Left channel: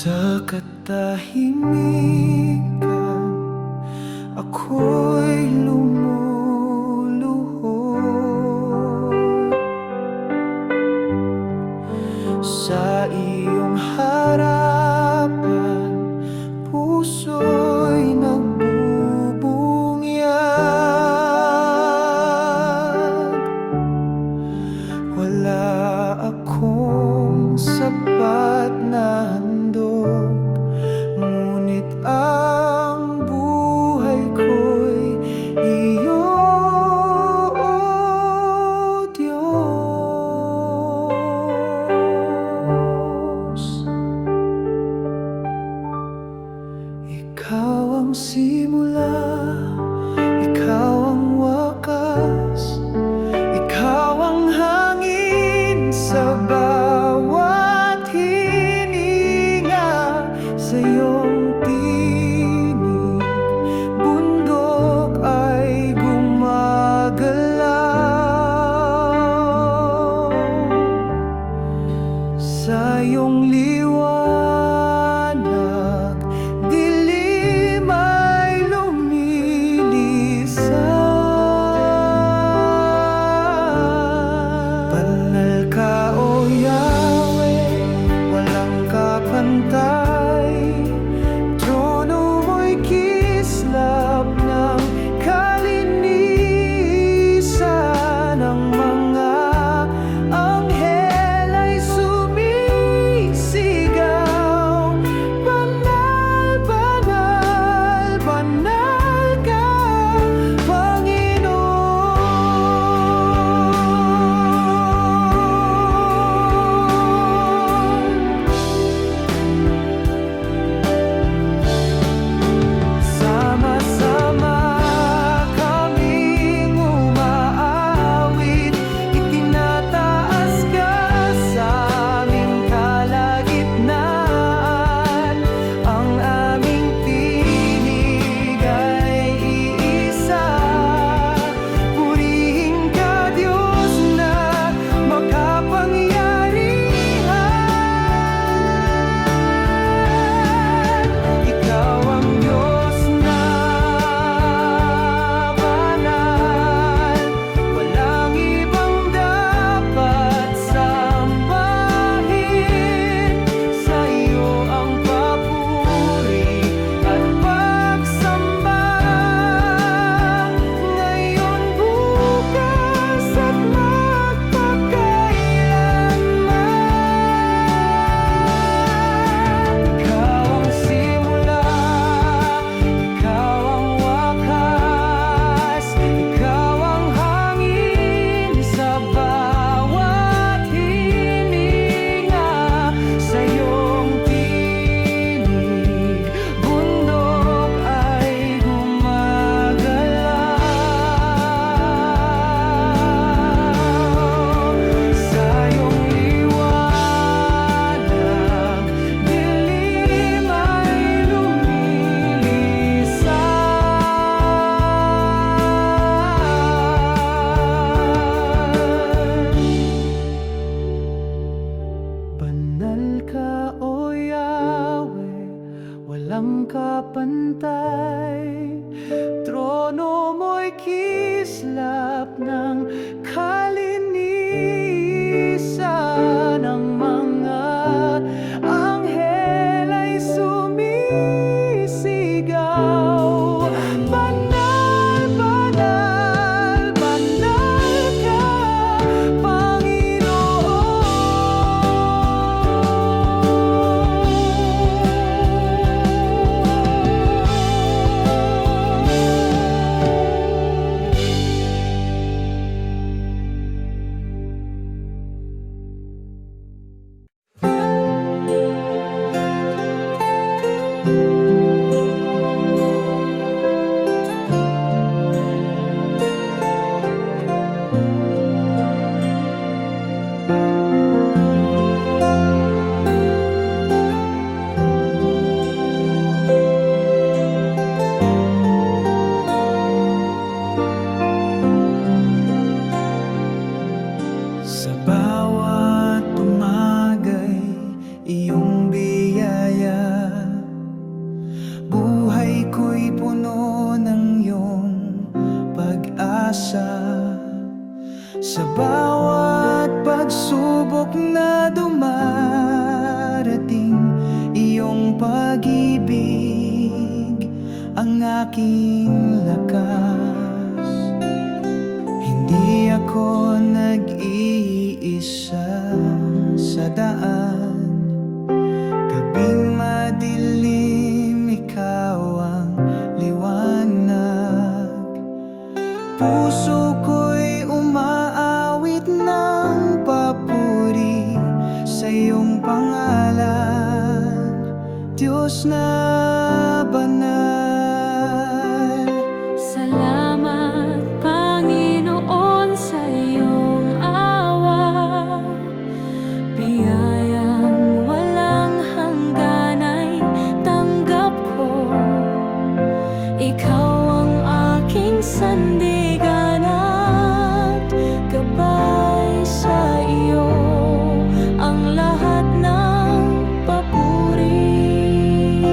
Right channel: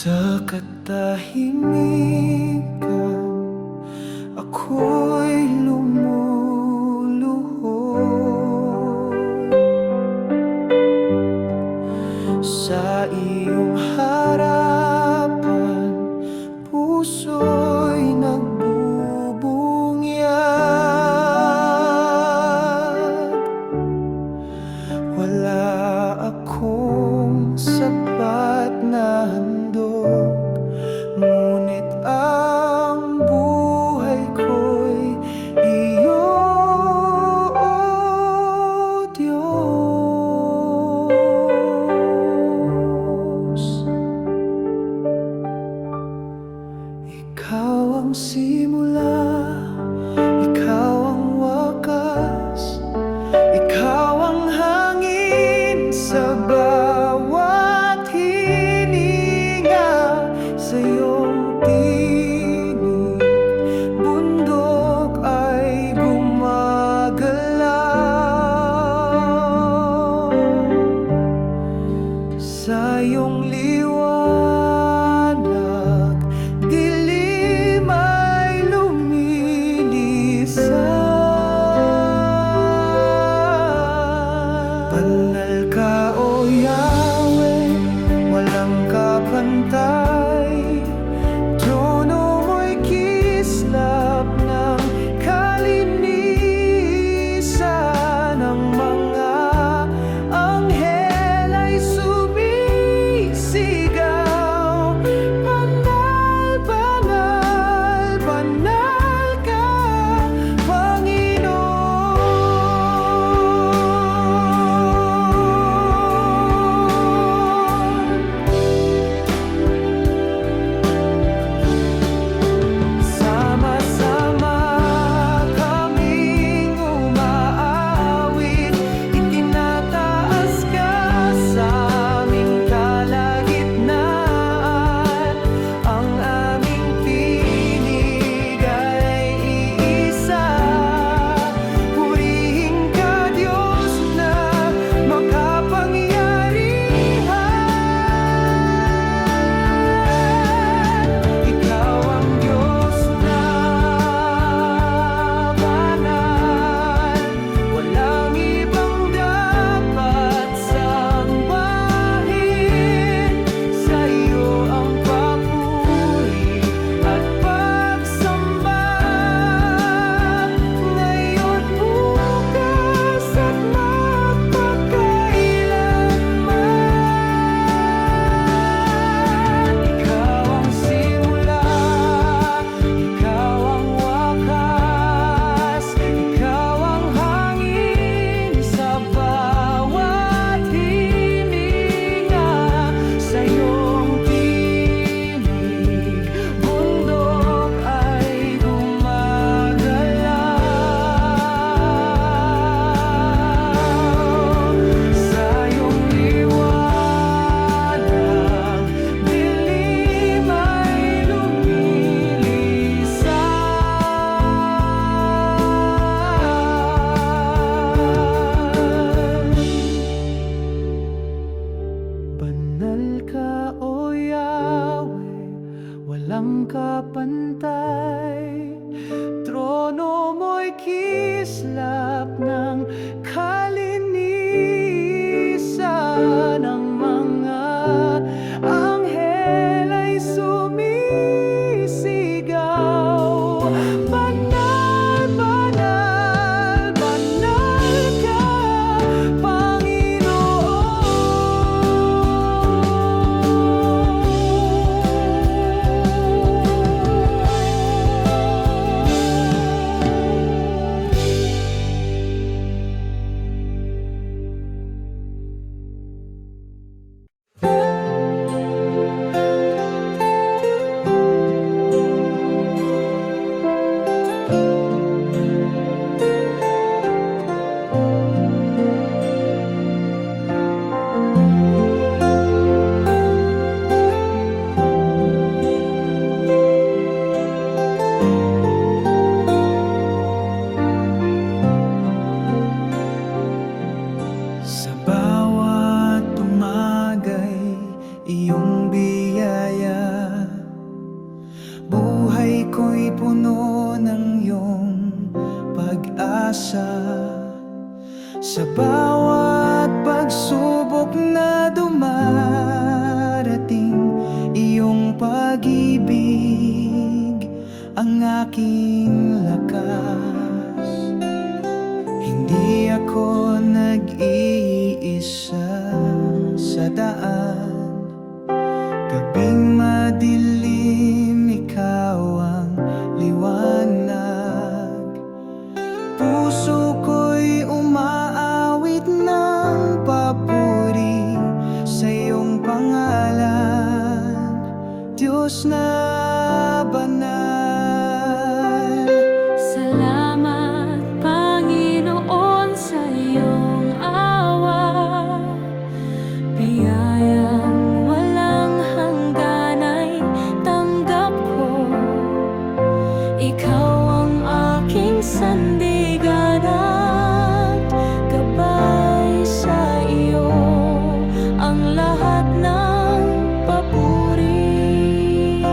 Sa katahimikan, ako'y lumuluhod sa iyong harapan, puso'y nagbubunyag. Wala akong sapat na handog, ngunit ang buhay ko'y iyo, O Diyos. Ikaw ang simula, ikaw ang wakas, ikaw ang hangin sa bawat hininga. Sa iyong tinig, bundok ay gumagalaw. Sa iyong liwanag, dilim ay lumilisan. Banal ka, O Yahweh, walang kapantay. Trono mo'y kislap ng kalinisan. Ang mga anghel ay sumisigaw, banal, banal, banal ka, Panginoon. Sama-sama kaming umaawit, itinataas ka sa aming kalagitnaan. Ang aming tinig ay iisa, purihin ka, Diyos na makapangyarihan. Ikaw ang Diyos na banal, walang ibang dapat sambahin. Sa iyo ang papuri at pagsamba, ngayon, bukas at magpakailanman. Ikaw ang simula, ikaw ang wakas, ikaw ang hangin sa bawat hininga. Sa iyong tinig, bundok ay gumagalaw. Sa iyong liwanag, dilim ay lumilisan. Banal ka, O Yahweh, walang kapantay. Trono mo'y kislap ng kalinisan. Ang mga anghel ay sumisigaw, banal, banal, banal ka, Panginoon. pag-asa. Sa bawat pagsubok na dumarating, iyong pag-ibig ang aking lakas. Hindi ako nag-iisa sa daan, gabing madilim, ikaw ang liwanag. Puso ko'y umaawit ng papuri sa iyong pangalan, Diyos na banal. Salamat, Panginoon, sa iyong awa. Biyayang walang hanggan ay tanggap ko. Ikaw ang aking sandigan at gabay. Sa iyo ang lahat ng papuri.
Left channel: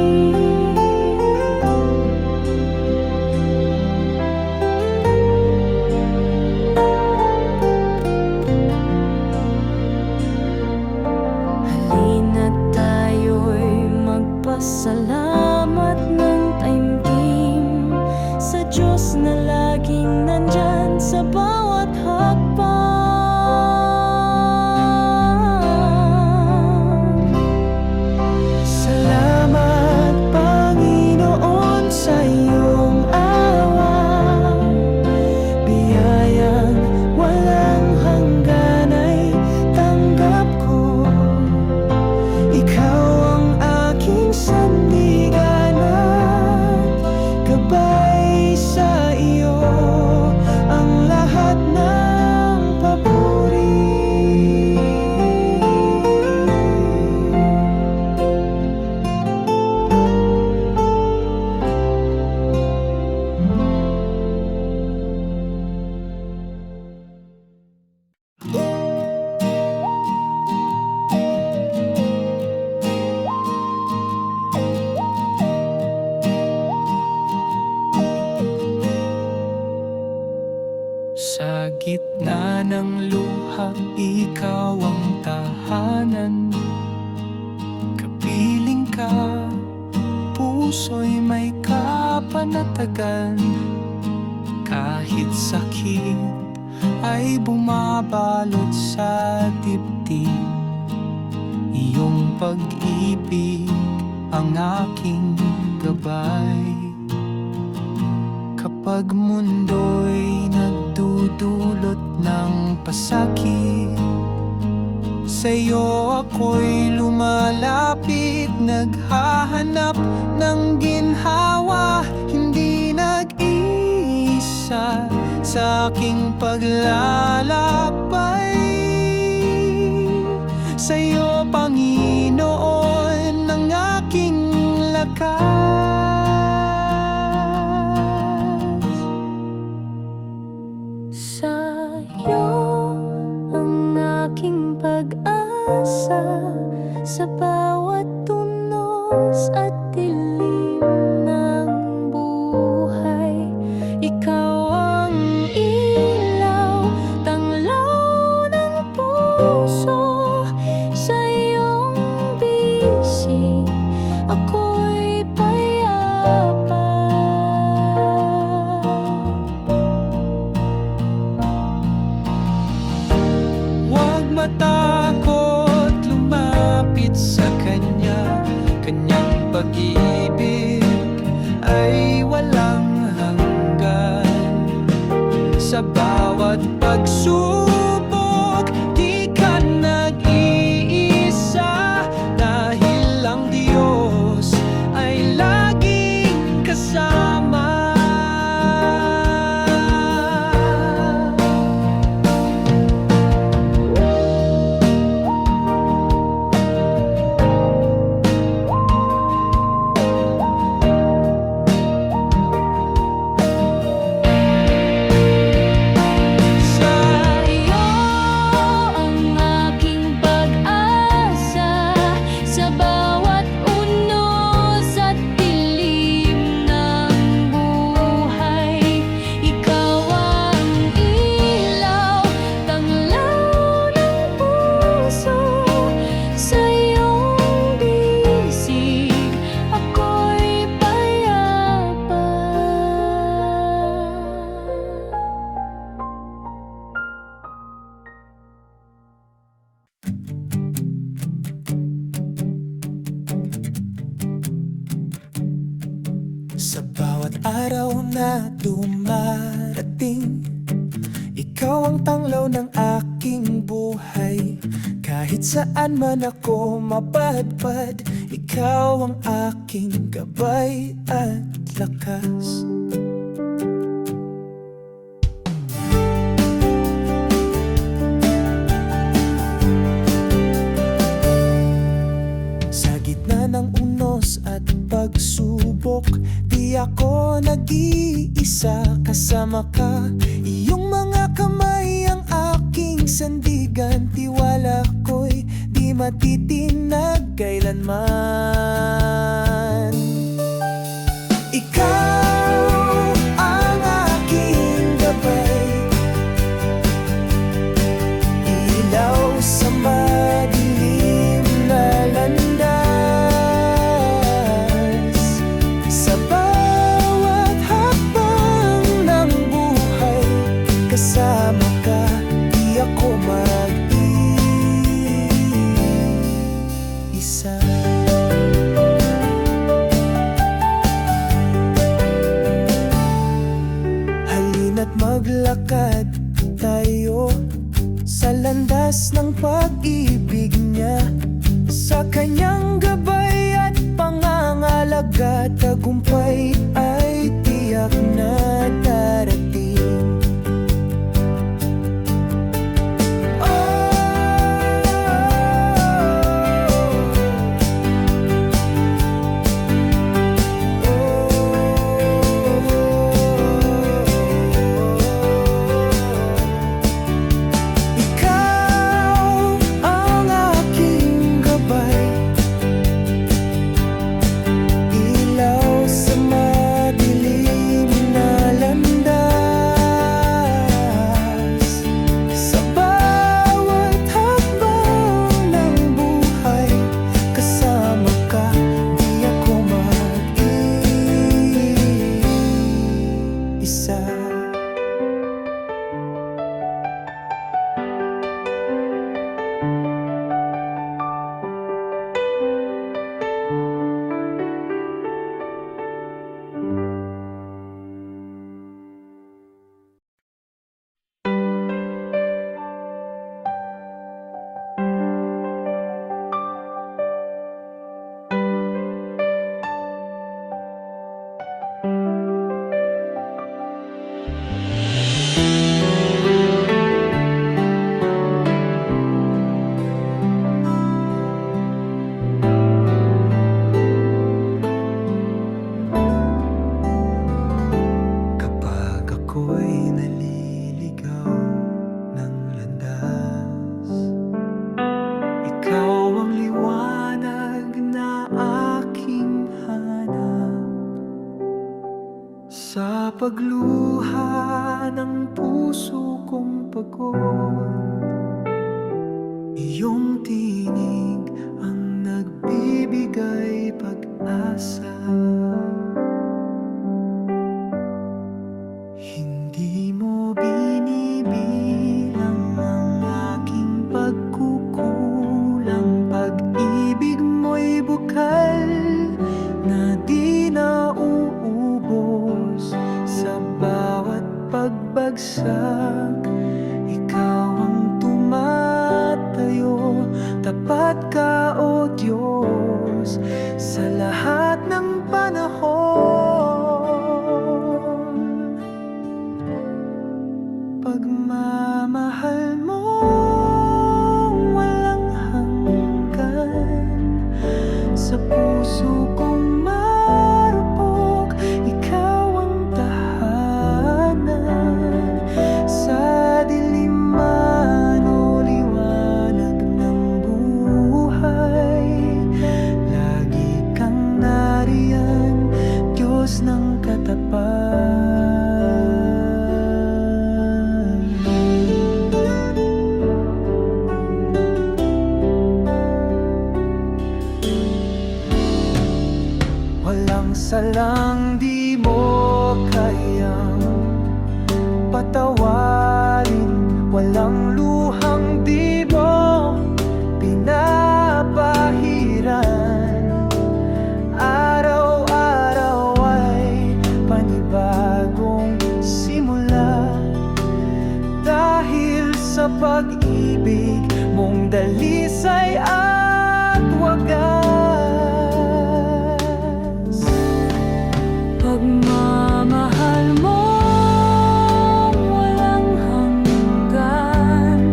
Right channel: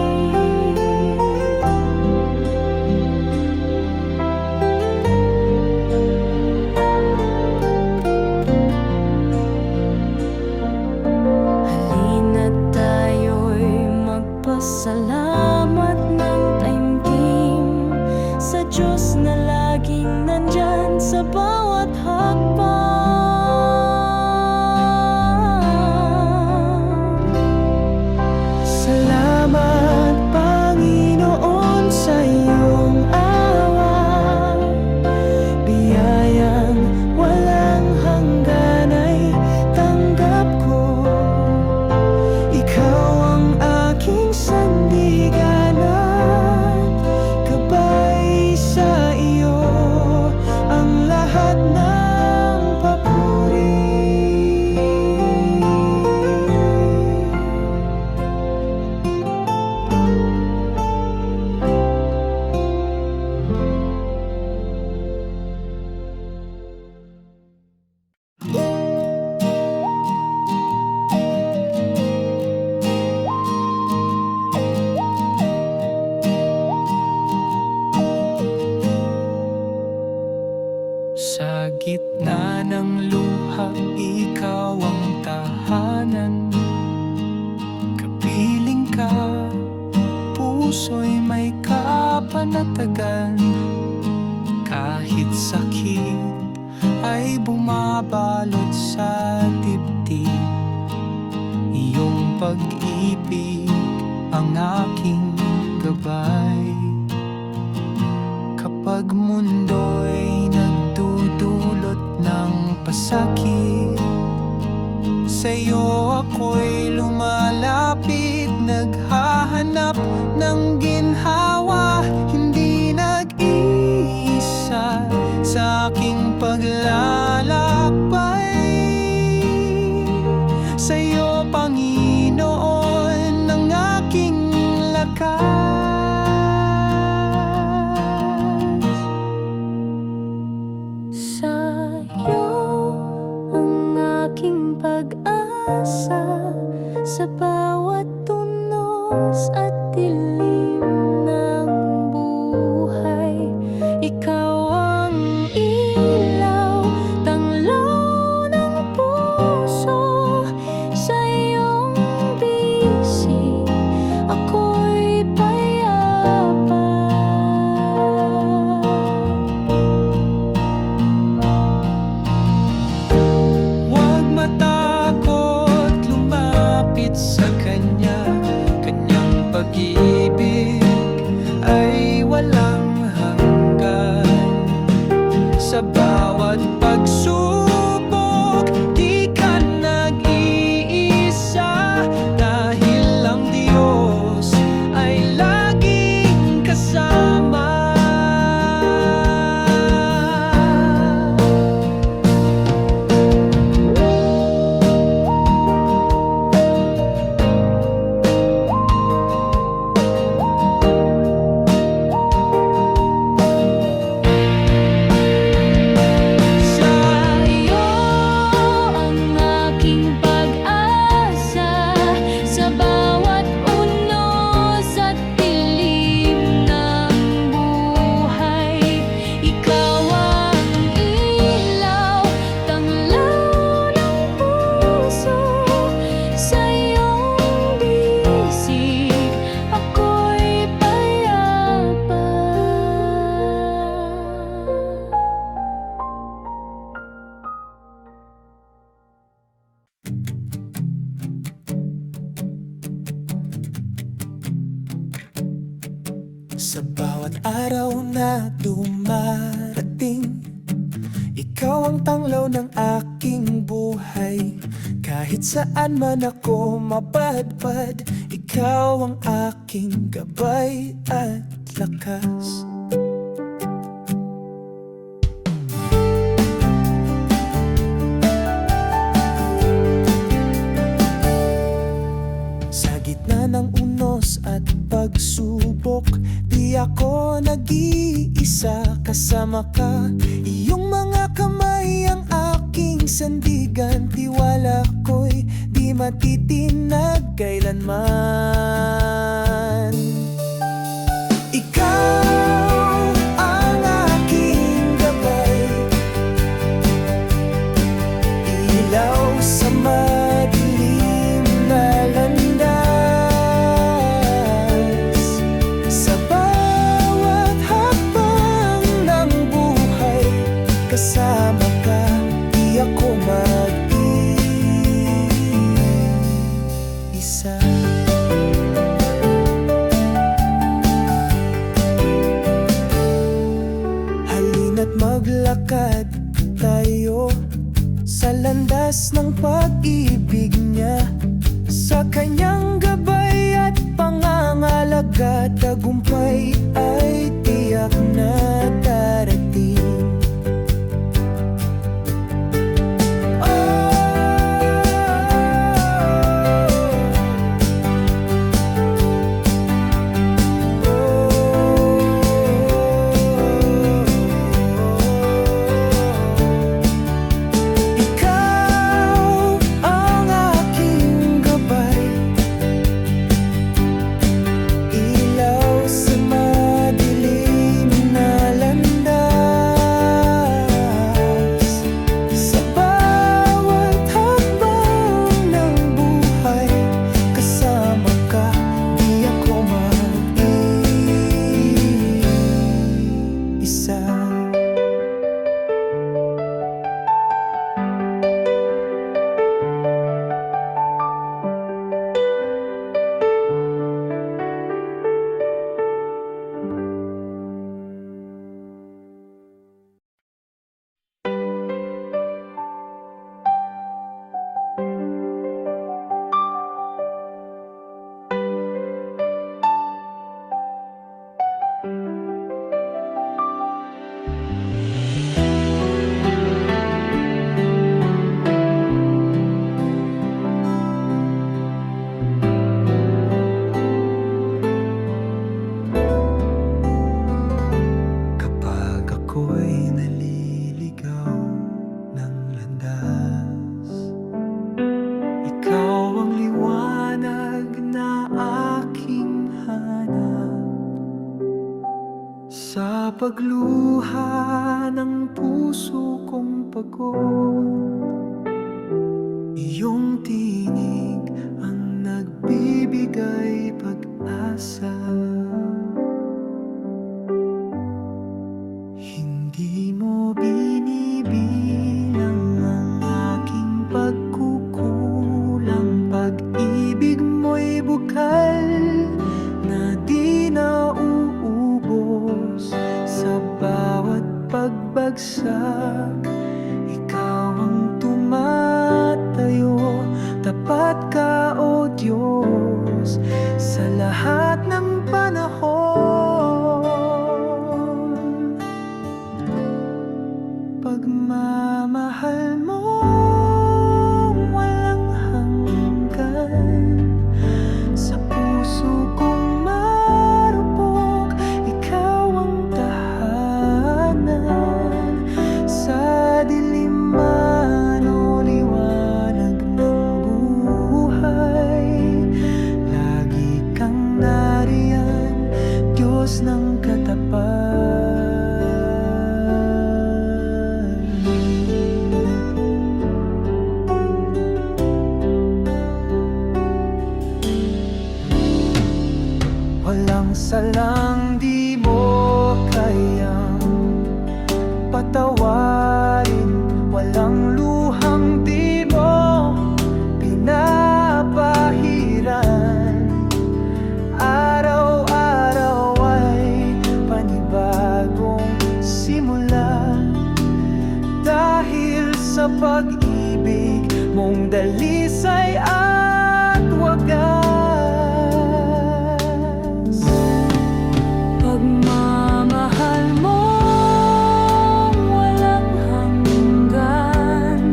Halina't tayo'y magpasalamat ng taimtim sa Diyos na laging nandyan sa bawat hakbang. Salamat, Panginoon, sa iyong awa. Biyayang walang hanggan ay tanggap ko. Ikaw ang aking sandigan at gabay. Sa iyo ang lahat ng papuri. Sa gitna ng luha, ikaw ang tahanan. Kapiling ka, puso'y may kapanatagan. Kahit sakit ay bumabalot sa dibdib, iyong pag-ibig ang aking gabay. Kapag mundo'y nagdudulot ng pasakit, sa'yo ako'y lumalapit, naghahanap ng ginhawa. Hindi nag-iisa sa aking paglalakbay. Sa'yo, Panginoon, ang aking lakas. Sa'yo ang aking pag-asa, sa bawat tunos at dilim ng buhay. Ikaw ang ilaw, tanglaw ng puso. Sa iyong bisig ako'y payapa. Huwag matakot lumapit sa Kanya. Kanyang pag-ibig ay walang hanggan. Sa bawat pagsubok, di ka nag-iisa. Dahil ang Diyos ay laging kasama. Sa Sa bawat araw na dumarating, ikaw ang tanglaw ng aking buhay. Kahit saan man ako mapadpad, ikaw ang aking gabay at lakas. Sa gitna ng unos at pagsubok, di ako nag-iisa, kasama ka. Iyong mga kamay ang aking sandigan, tiwala ko'y di matitinag kailanman. Ikaw ang aking gabay, ilaw sa madilim na landas. Sa bawat hakbang ng buhay, kasama ka, di ako mag-iisa. Halina't maglakad tayo sa landas ng pag-ibig niya. Sa kanyang gabay at pangangalaga, tagumpay ay tiyak na darating. Ako'y naliligaw ng landas, ikaw ang liwanag na aking hanap. Sa pagluha ng puso kong pagod, iyong tinig ang nagbibigay pag-asa. Hindi mo binibilang ang aking pagkukulang, pag-ibig mo'y bukal na di nauubos. Sa bawat pagbagsak, ikaw ang tumatayo. Tapat ka, O Diyos, sa lahat ng panahon. Pagmamahal mong walang hanggan, sa puso kong marupok, ikaw ang tahanan. Sa dilim man o liwanag ng buhay, lagi kang nariyan, Diyos ng katapat. Walang salang di mo kayang patawarin, walang luhang di mo pinapahiran. Araw-araw ay simula. Dahil sa pag-ibig mong dalisay at wagas, pagmamahal mo walang hanggan,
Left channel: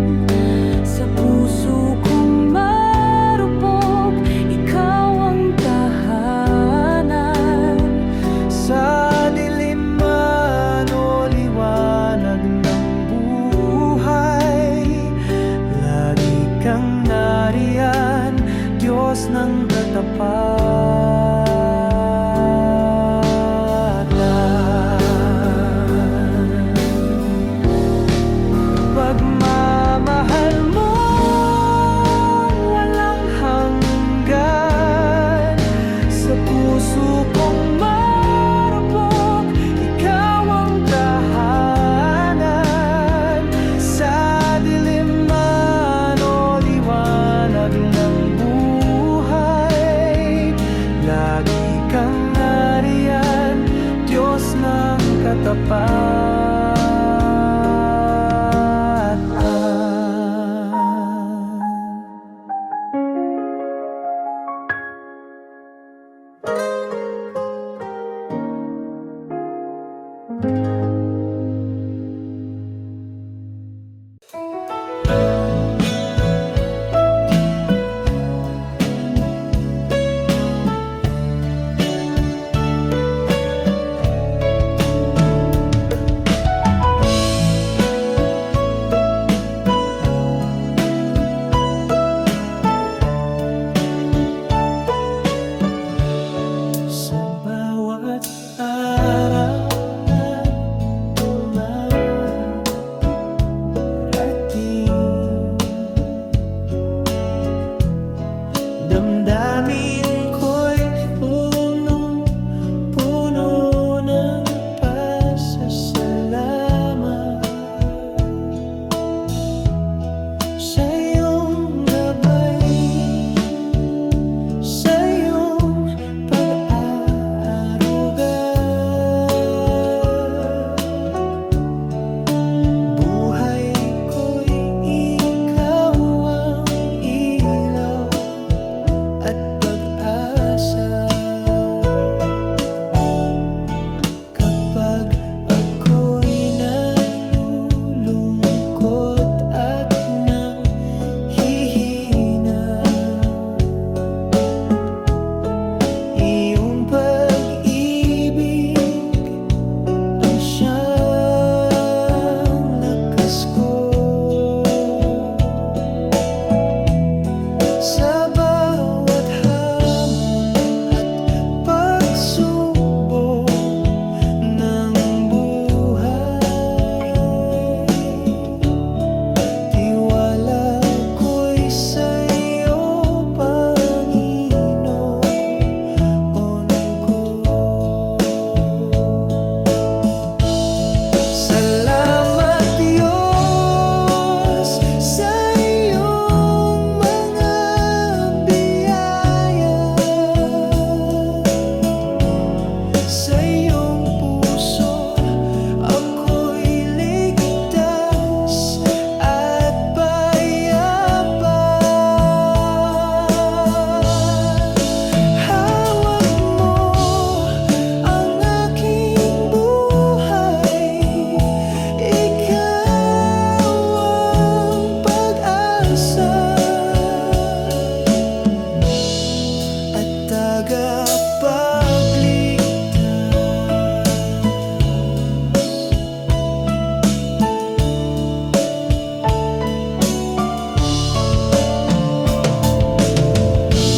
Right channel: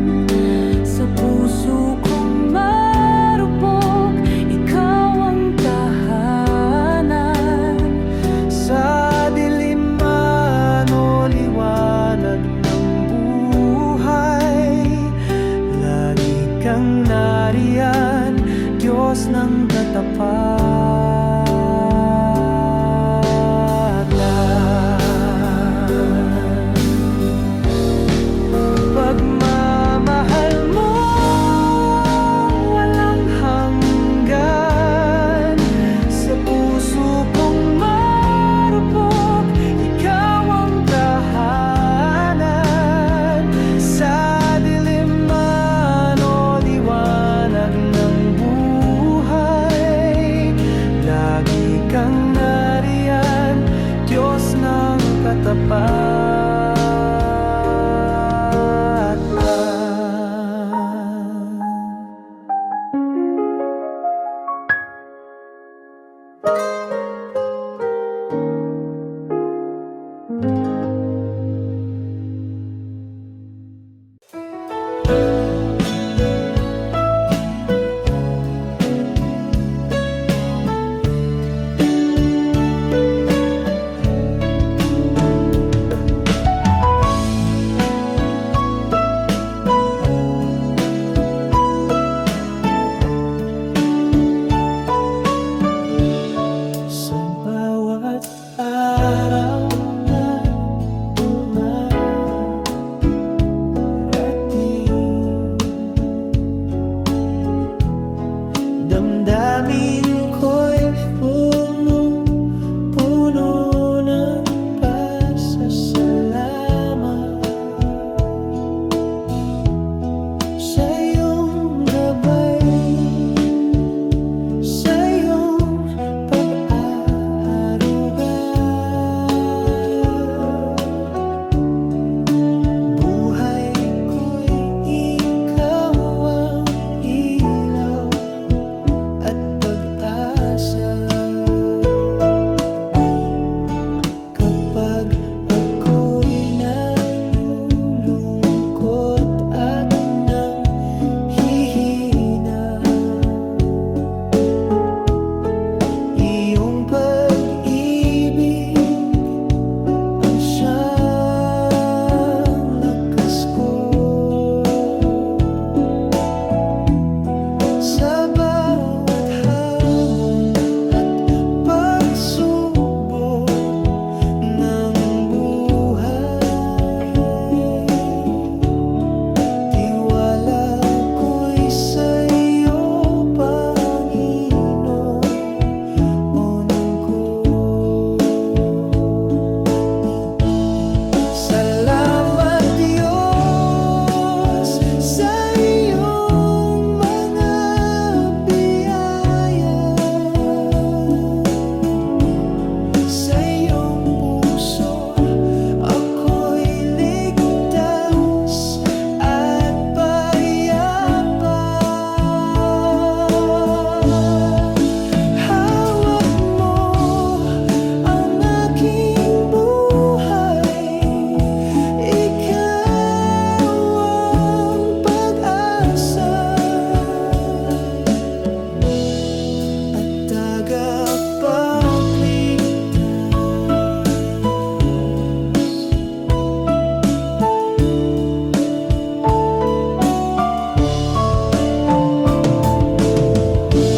sa puso kong marupok, ikaw ang tahanan. sa dilim man o liwanag ng buhay, lagi kang nariyan, Diyos ng katapatan. Pagmamahal mo walang hanggan, sa puso kong marupok, ikaw ang tahanan. Sa dilim man o liwanag ng buhay, lagi kang nariyan, Diyos ng katapatan. Sa bawat araw na dumarating, damdamin ko'y punong-puno ng pasasalamat sa iyong gabay, sa iyong pag-aaruga. Buhay ko'y ikaw ang ilaw at pag-asa. Kapag ako'y nalulungkot at nanghihina, iyong pag-ibig ang siyang lakas ko. Sa bawat hamon at pagsubok ng buhay, tiwala ko'y sa'yo, Panginoon ko. Salamat Diyos sa iyong mga biyaya, sa iyong puso ako'y ligtas at payapa. Hawak mo ang aking buhay, ikaw ang pag-asa at tagapagligtas.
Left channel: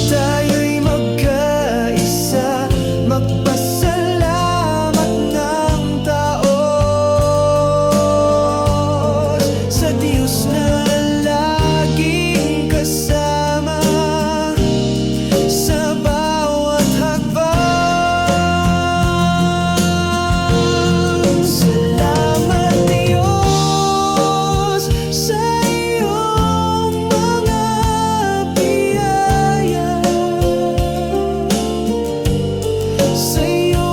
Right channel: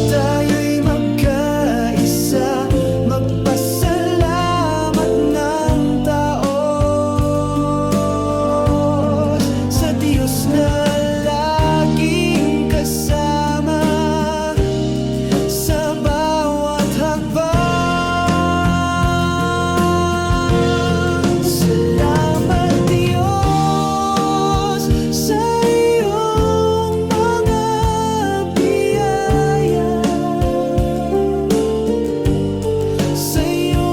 Tayo'y magkaisa, magpasalamat ng taos sa Diyos na laging kasama sa bawat hakbang. Salamat Diyos sa iyong mga biyaya, sa iyong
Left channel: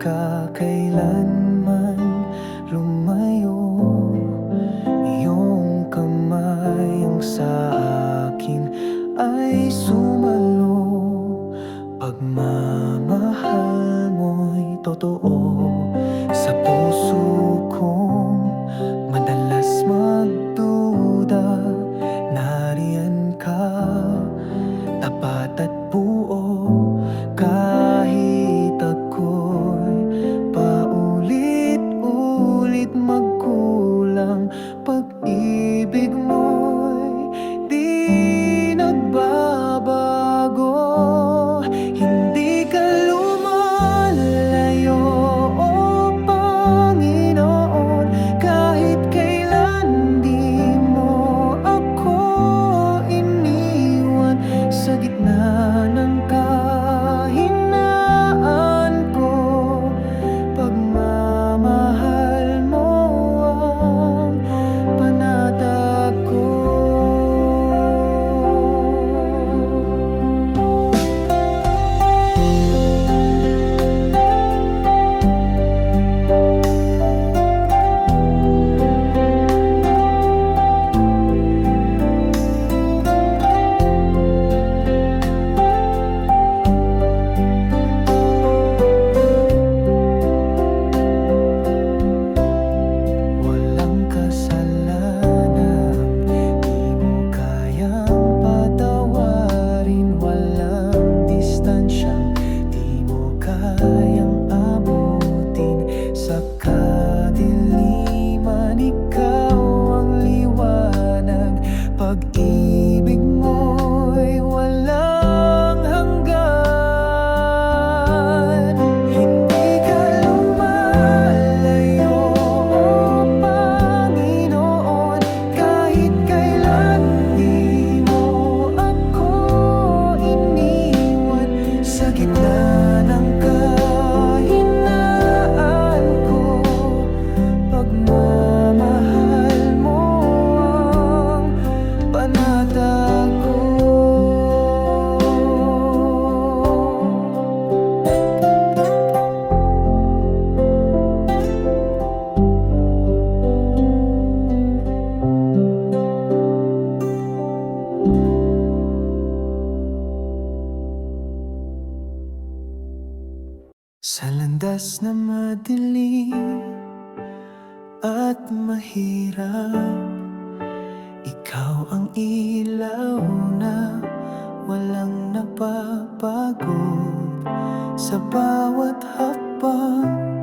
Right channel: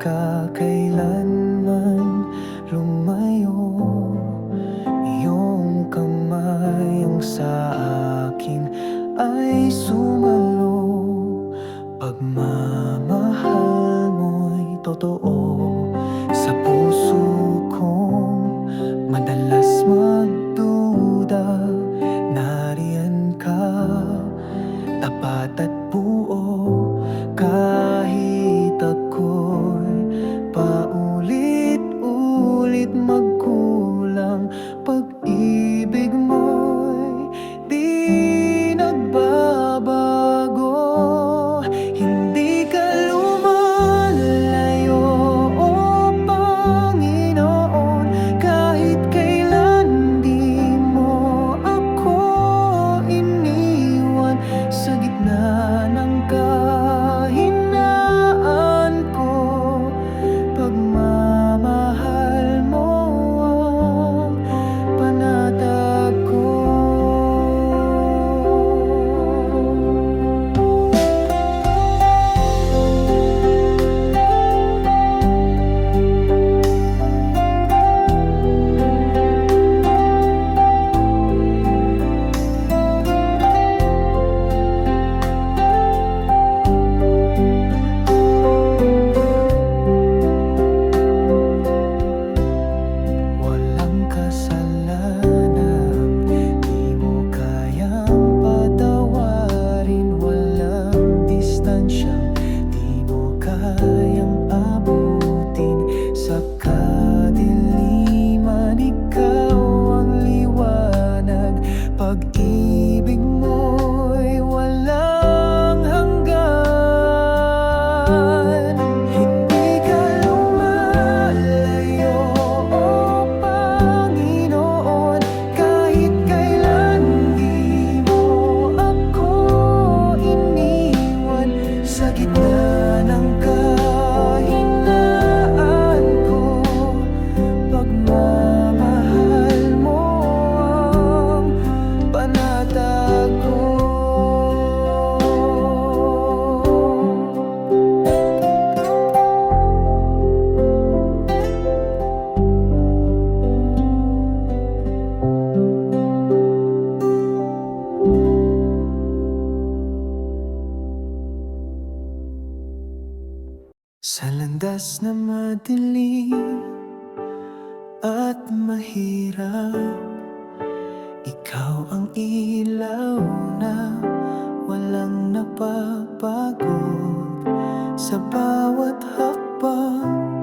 ka kailanman lumayo. Iyong kamay ang sa akin ay sumalo. Pagmamahal mo'y totoo sa puso kong madalas magduda. Nariyan ka, tapat at buo, kahit ako'y paulit-ulit magkulang. Pag-ibig mo'y di nagbabago. Hindi ka lumalayo, o Panginoon. Kahit kailan di mo ako iniwan. Sa gitna ng kahinaan ko, pagmamahal mo ang panatag ko. Kasalanan, di mo kayang patawarin. Walang distansyang di mo kayang abutin. Sa kadiliman, ikaw ang liwanag. Pag-ibig mo'y walang hanggan. Hindi ka lumalayo, o Panginoon. Kahit kailan di mo ako iniwan. Sa gitna ng kahinaan ko, pagmamahal mo ang panatag ko. Sa landas na madilim at mahirap, ikaw ang ilaw na walang napapagod. Sa bawat hakbang,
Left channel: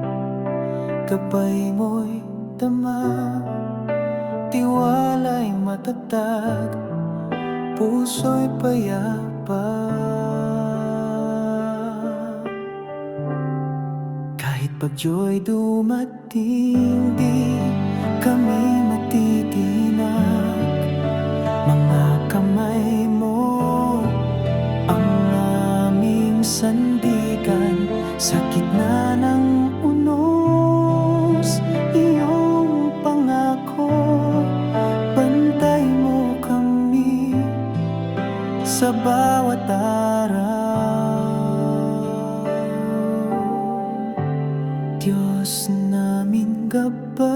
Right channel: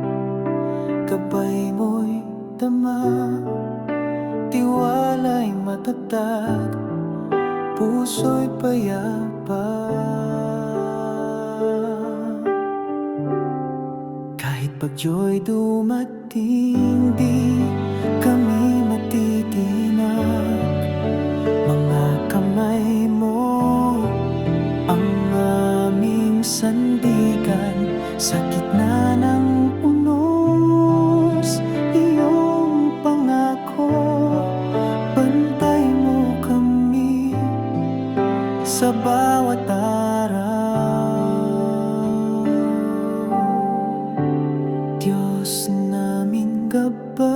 gabay mo'y dama. Tiwala'y matatag, puso'y payapa. Kahit bagyo'y dumating, di kami matitinag. Mga kamay mo ang aming sandigan. Sa gitna ng unos, iyong pangako. Bantay mo kami sa bawat araw. Diyos naming gabay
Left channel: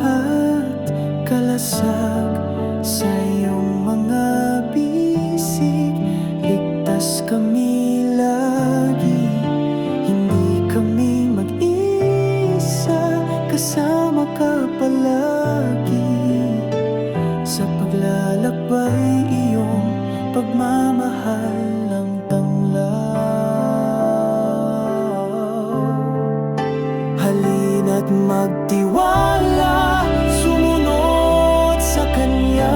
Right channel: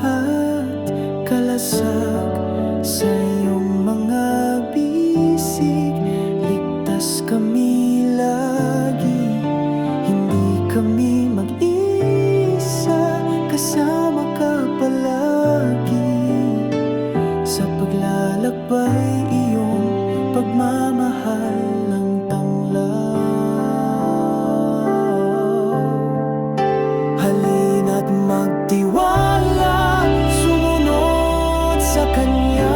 at kalasag, sa iyong mga bisig ligtas kami lagi. Hindi kami mag-isa, kasama ka palagi. Sa paglalakbay, iyong pagmamahal ang tanglaw. Halina't magtiwala, sumunod sa Kanya.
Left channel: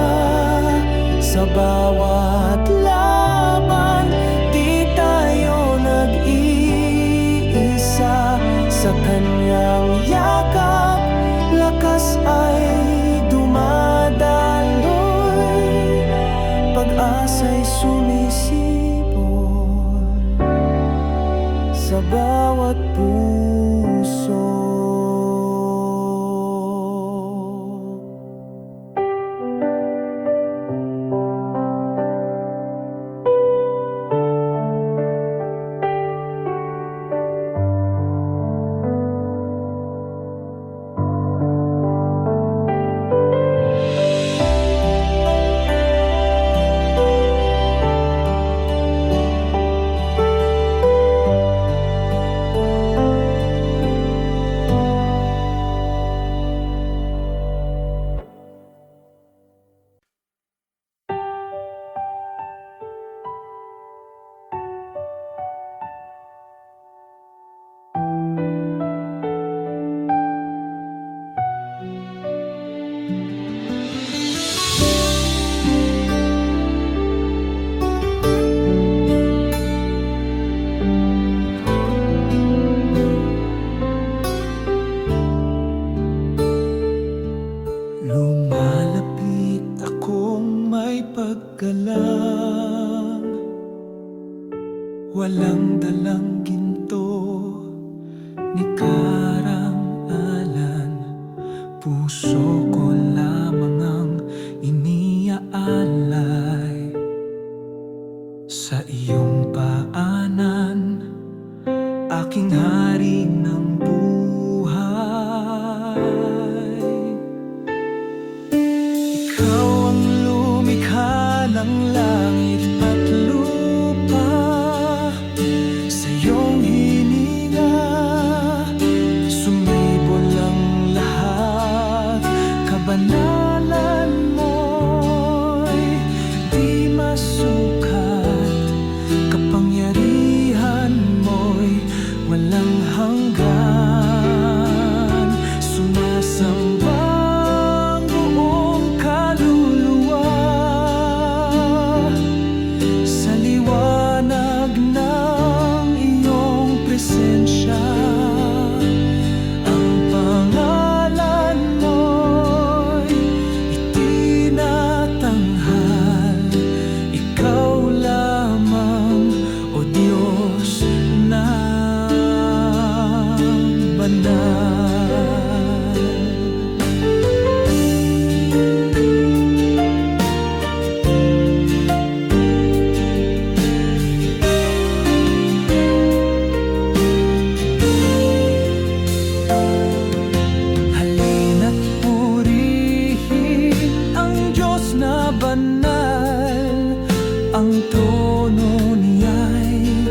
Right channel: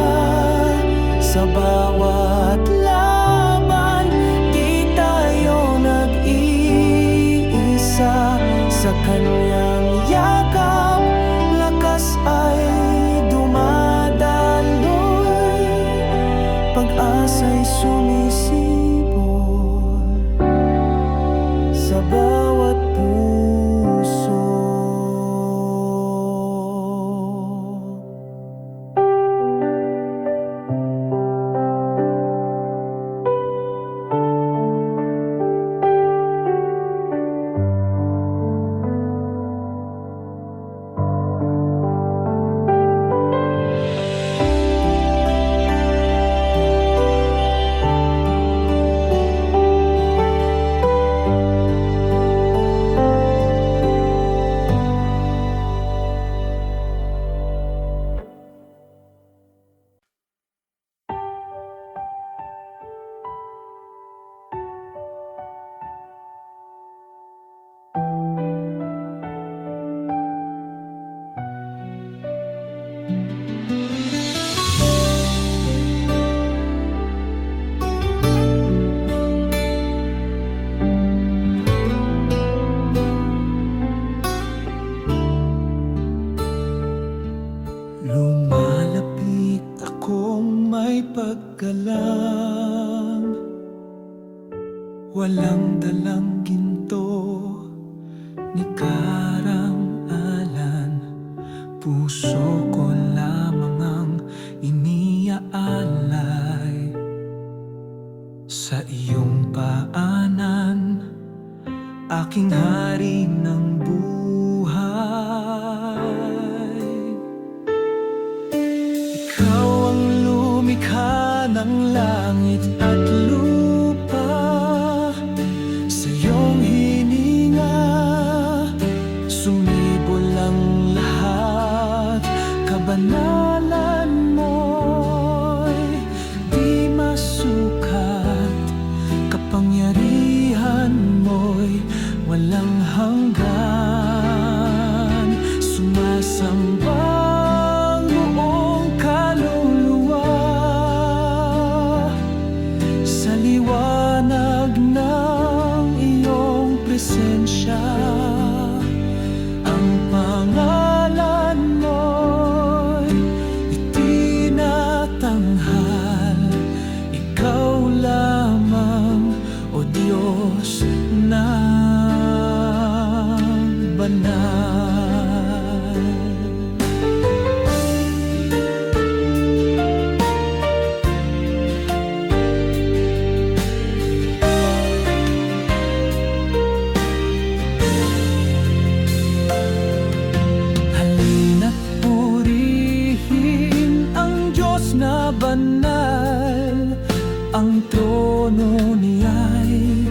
Sa bawat laban, di tayo nag-iisa. Sa Kanyang yakap, lakas ay dumadaloy. Pag-asa'y sumisibol sa bawat puso. lang, walang dalang ginto ni karang-alan. Puso ko lamang ang iniaalay sa iyong paanan, aking hari ng buhay. Ikaw ang lumikha ng langit at lupa, sa iyong hininga sumibol ang lahat. Kabanalan mo'y di masukat, kapangyarihan mo'y walang hanggan. Sumasamba ang buong kaluluwa sa liwanag ng iyong presensya. Ang pangalan mo'y itinatanghal, ikaw lamang, O Diyos na banal. Halina't purihin ang Diyos na banal. Ang trono niya'y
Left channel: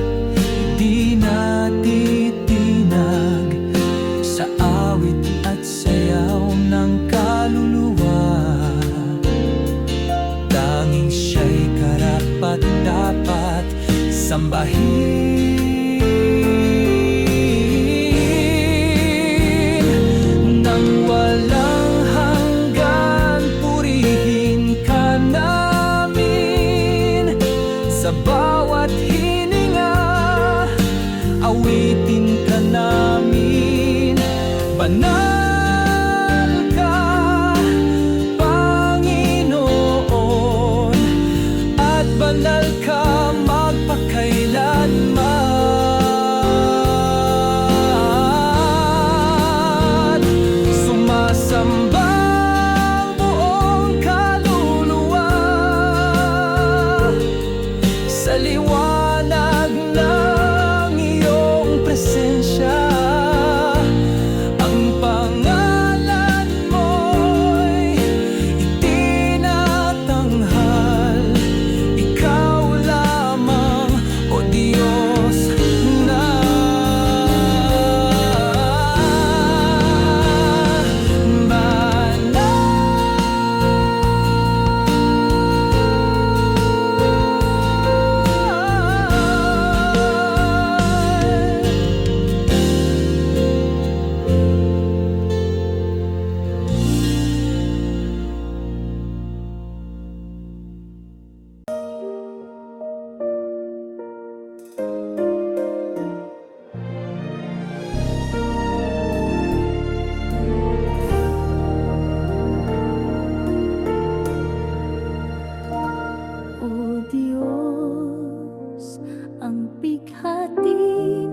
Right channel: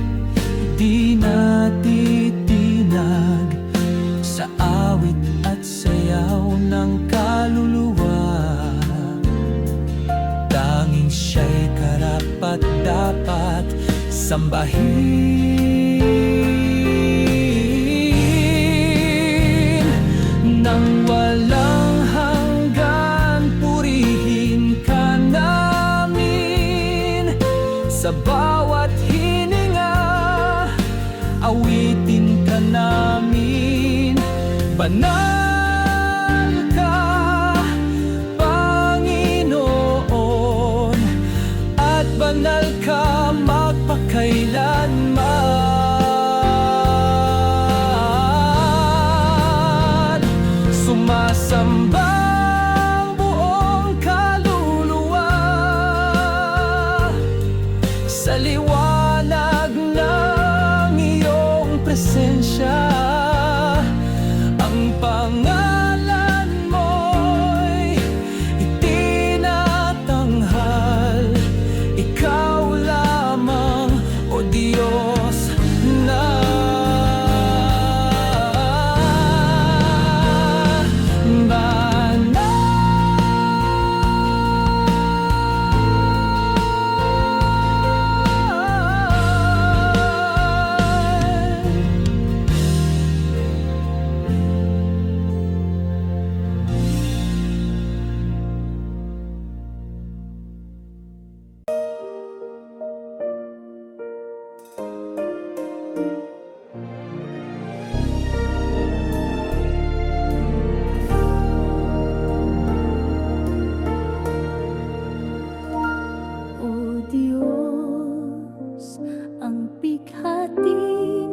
di natitinag sa awit at sayaw ng kaluluwa. Tanging siya'y karapat-dapat sambahin. Nang walang hanggan, purihin ka namin. Sa bawat hininga, awitin ka namin. Banal ka, Panginoon, at banal ka magpakailanman. Sumasamba ang buong kaluluwa sa liwanag ng iyong presensya. Ang pangalan mo'y itinatanghal, ikaw lamang, O Diyos na O Diyos, ang bighati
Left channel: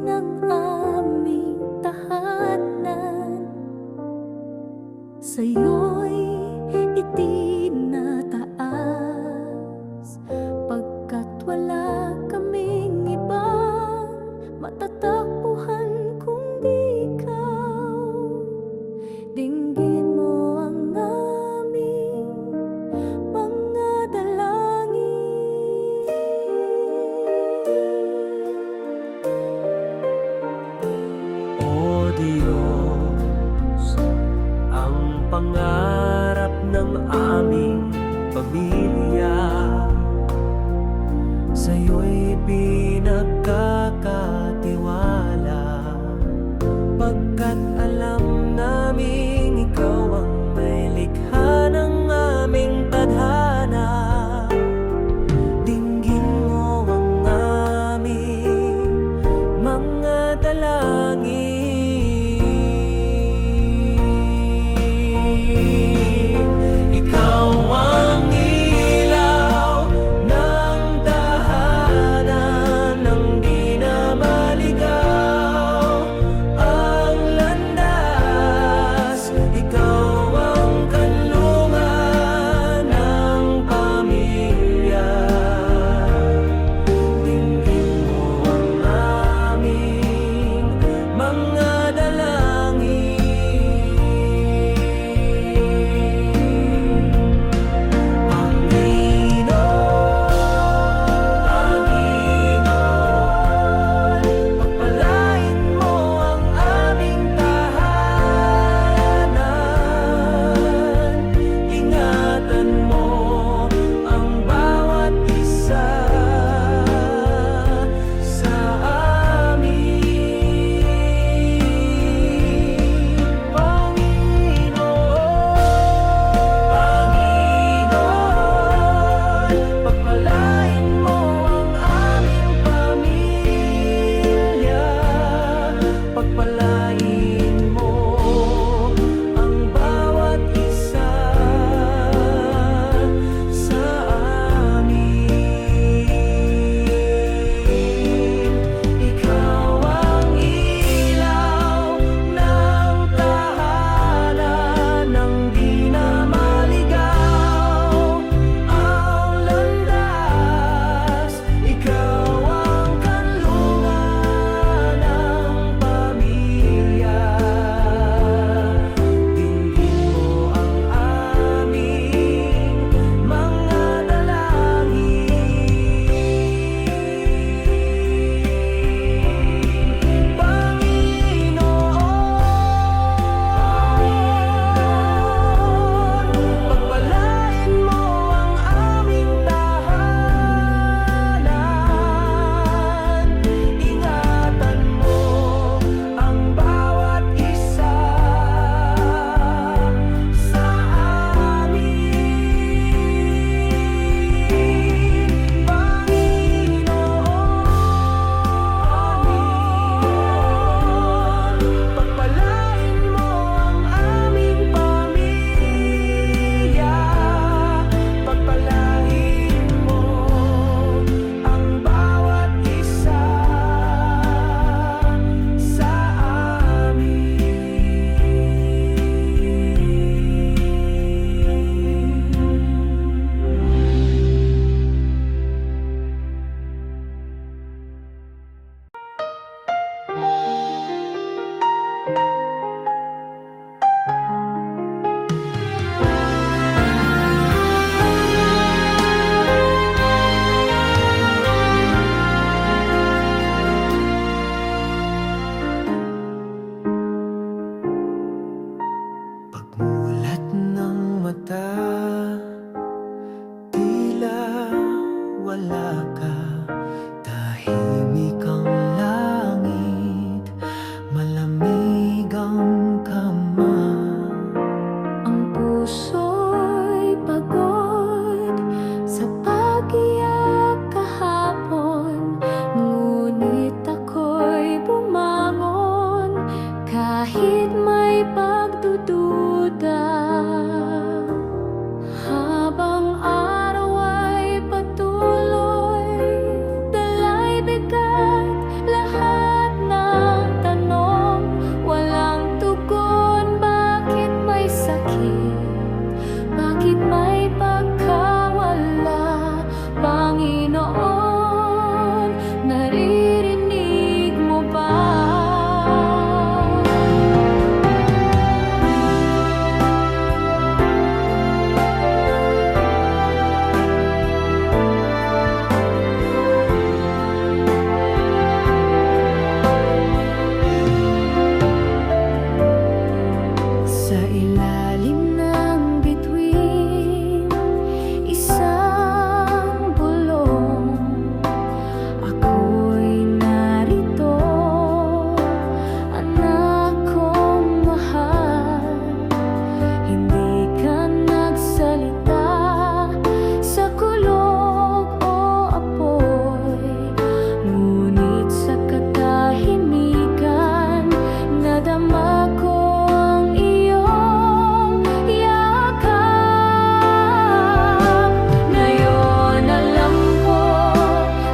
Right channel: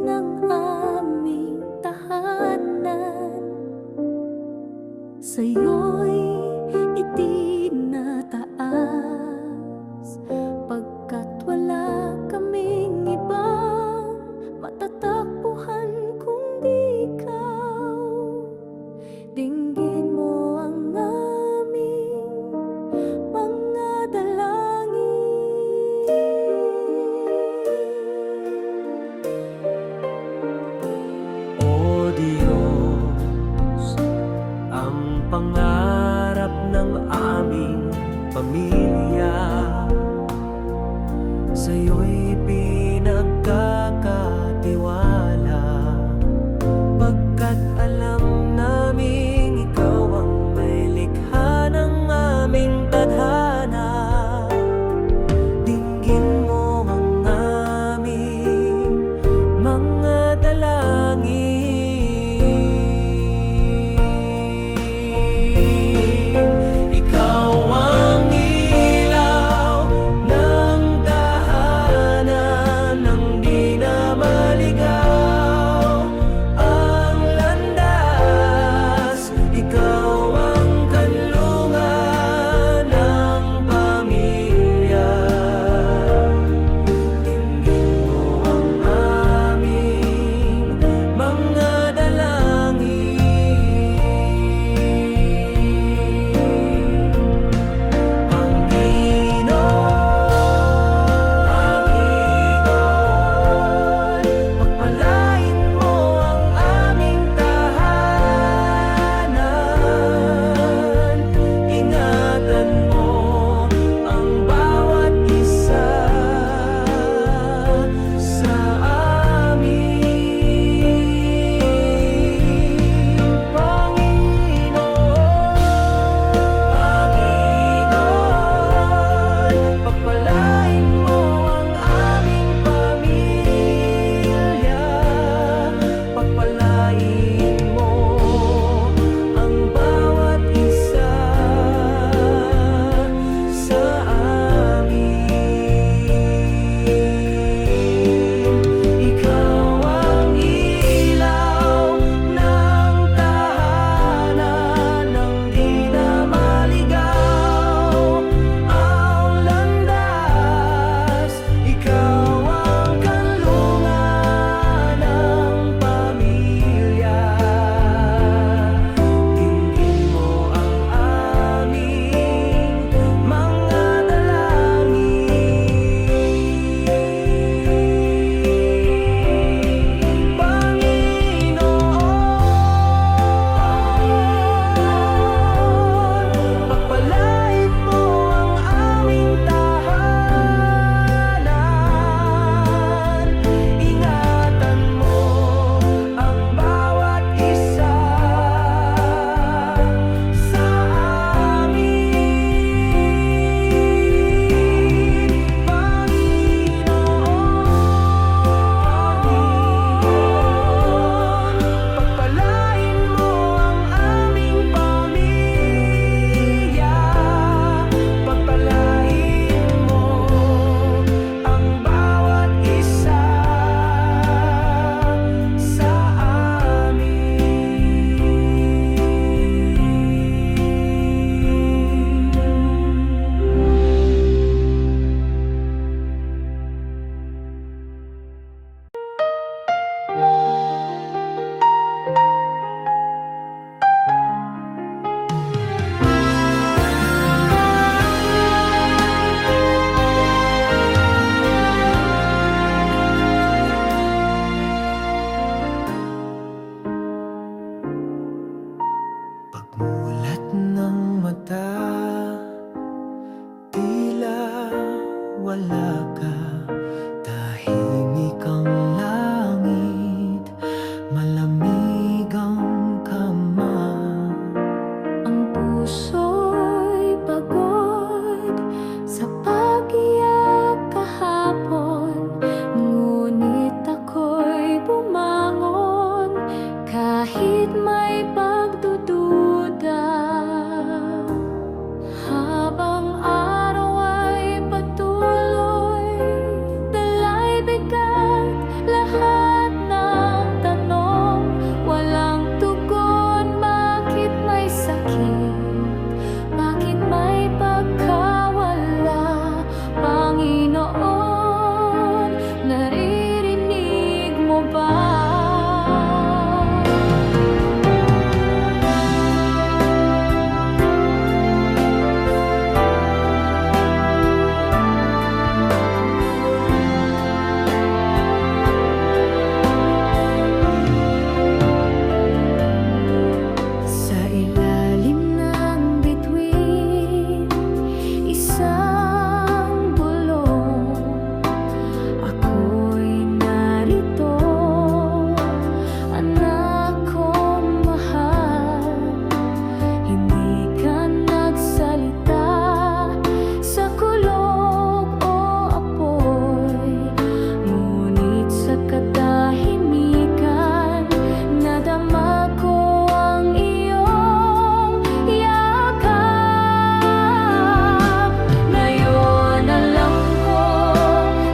ng aming tahanan, sa'yo'y itinataas, pagkat wala kaming ibang matatakbuhan kundi ikaw. Dinggin mo ang aming mga dalangin. O Diyos, ang pangarap ng aming pamilya, sa'yo'y pinagkakatiwala, pagkat alam naming ikaw ang may likha ng aming tadhana. Dinggin mo ang aming mga dalangin. Ikaw ang ilaw Pagpalain mo ang bawat isa sa amin. Ikaw ang ilaw ng tahanan, nang di na maligaw ang landas. Ikaw ang kanlungan ng pamilya. Dinggin mo ang aming mga dalangin. Panginoon, pagpalain mo ang aming tahanan. Ingatan mo ang bawat isa sa amin. Panginoon, pagpalain mo ang aming pamilya. Pagpalain mo ang bawat isa sa amin. Pagmulat ng mata, tila wala ka. Tahimik ang langit, malamig ang kama. Ang puso'y pagod sa pag-iyak kahapon, ngunit ako'y bumangon kahit may pagdududa. Habang araw ay patuloy, dala'y bigat, lahat ng tanong walang tugon. Bakit may sakit? Bakit may pagkawala? Panginoon, naririnig mo ba? Sa ilalim ng bituin, isang bulong, ako'y narito, anak kong mahal. Hindi ka nagsalita sa kulog o apoy, ngunit sa katahimikan nadama ko ang iyong yakap. Ngayon alam ko,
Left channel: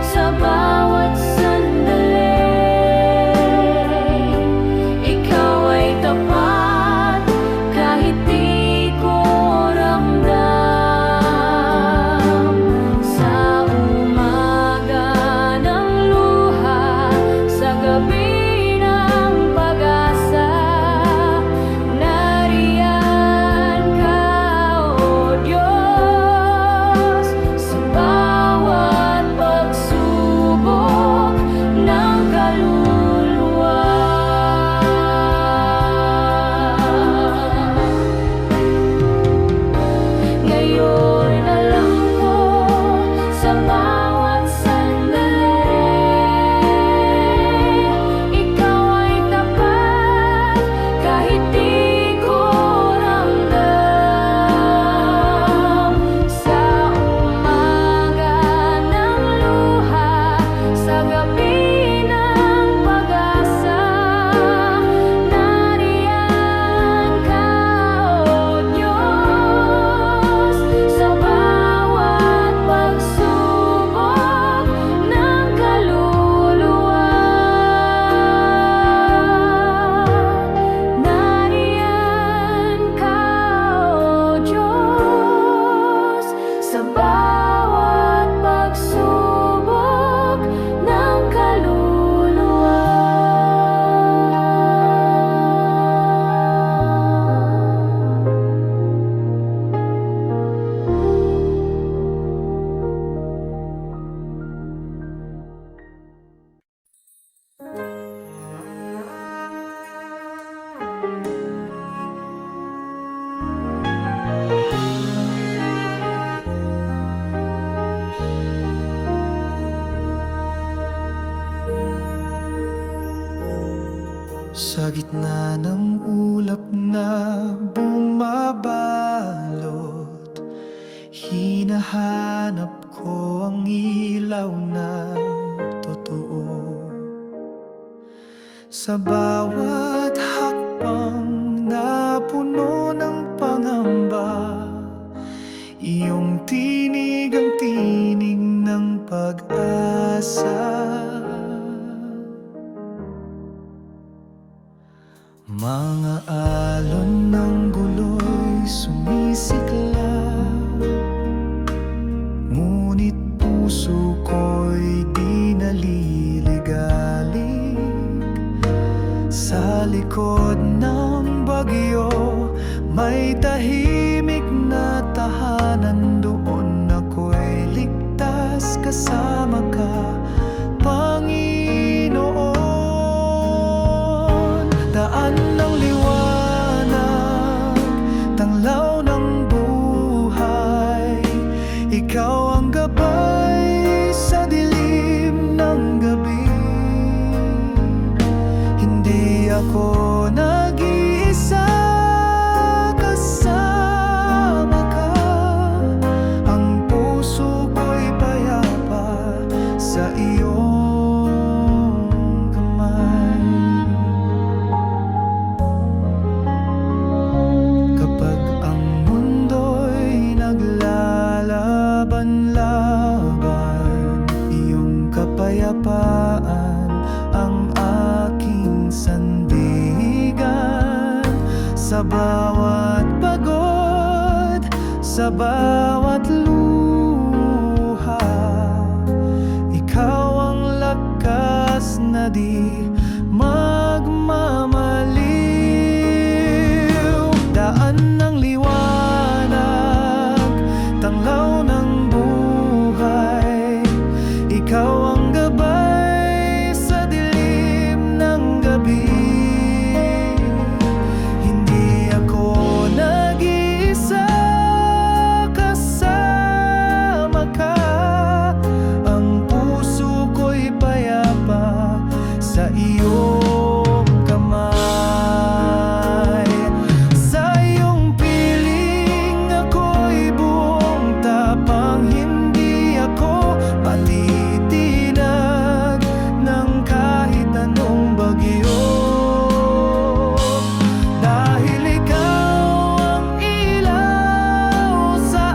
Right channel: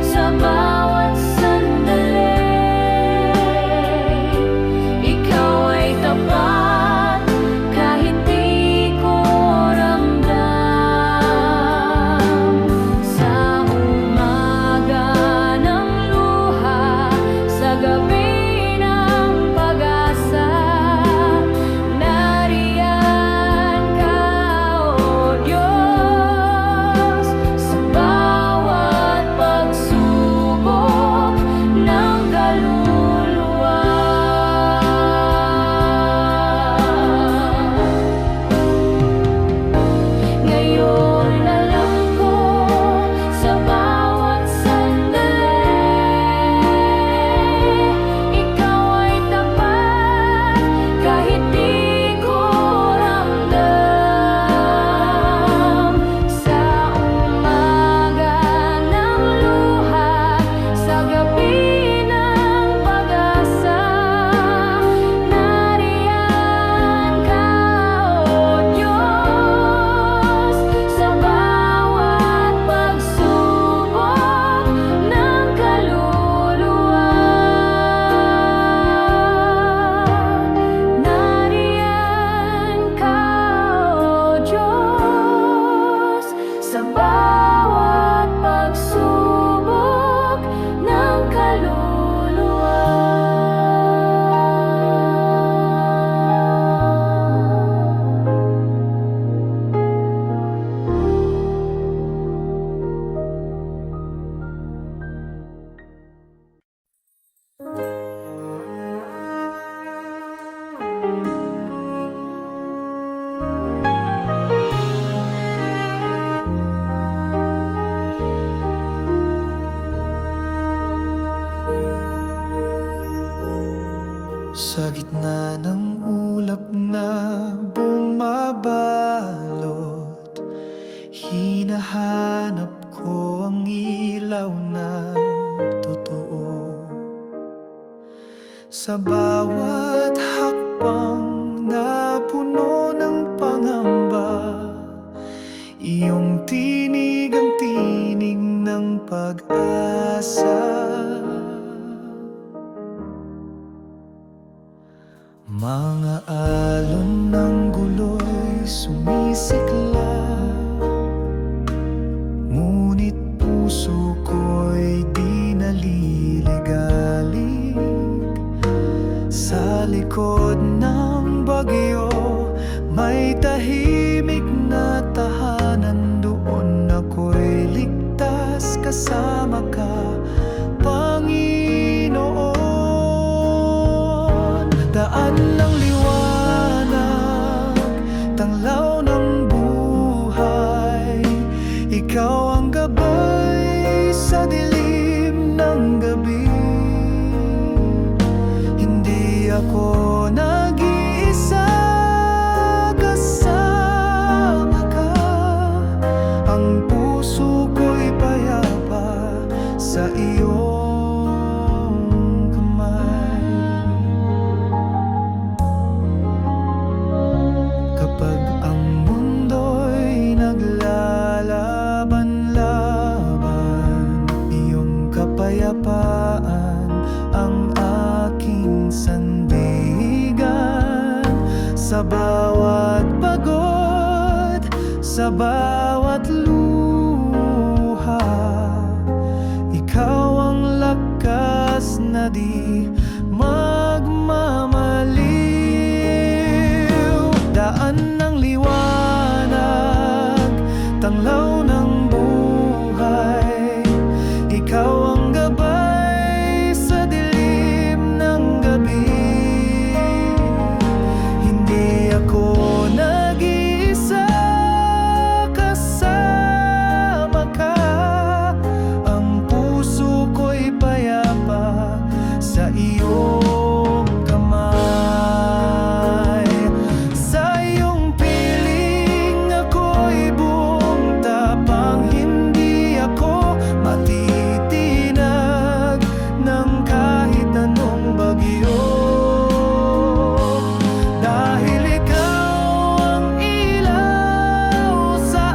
sa bawat sandali, ikaw ay tapat kahit di ko ramdam. Sa umaga ng luha, sa gabi ng pag-asa, Sa gitna ng ulap na bumabalot, hinahanap ko ang ilaw na totoo. Sa bawat hakbang na puno ng pangamba, iyong tinig ang tinig ng pag-asa. Mga alon ng gulo'y sumisiklab, ngunit puso ko'y di naliligalig. Sa likod ng bagyo, may tahimik na tahanan. Doon ako'y ligtas, kasama ka, Panginoon. Daan ng liwanag, tanglaw ng buhay, ikaw ang gabay sa dilim ng gabi. Hindi ako nag-iisa, kasama ka. Ang puso ko'y payapa sa iyong kamay. Kapag ang mundo'y naglalaban-laban, iyong kapayapaan ang aking sandigan. Sa bawat pagod, sa bawat luha, ikaw ang lakas na di magmamaliw. Daan ng liwanag, tanglaw ng buhay, ikaw ang gabay sa dilim ng gabi. Hindi ako nag-iisa, kasama ka. Ang puso ko'y payapa sa iyong kamay. Sa iyong piling ako'y buong tapang, hindi ako matitinag ng kahit anong bagyo. Dahil ikaw ang ilaw sa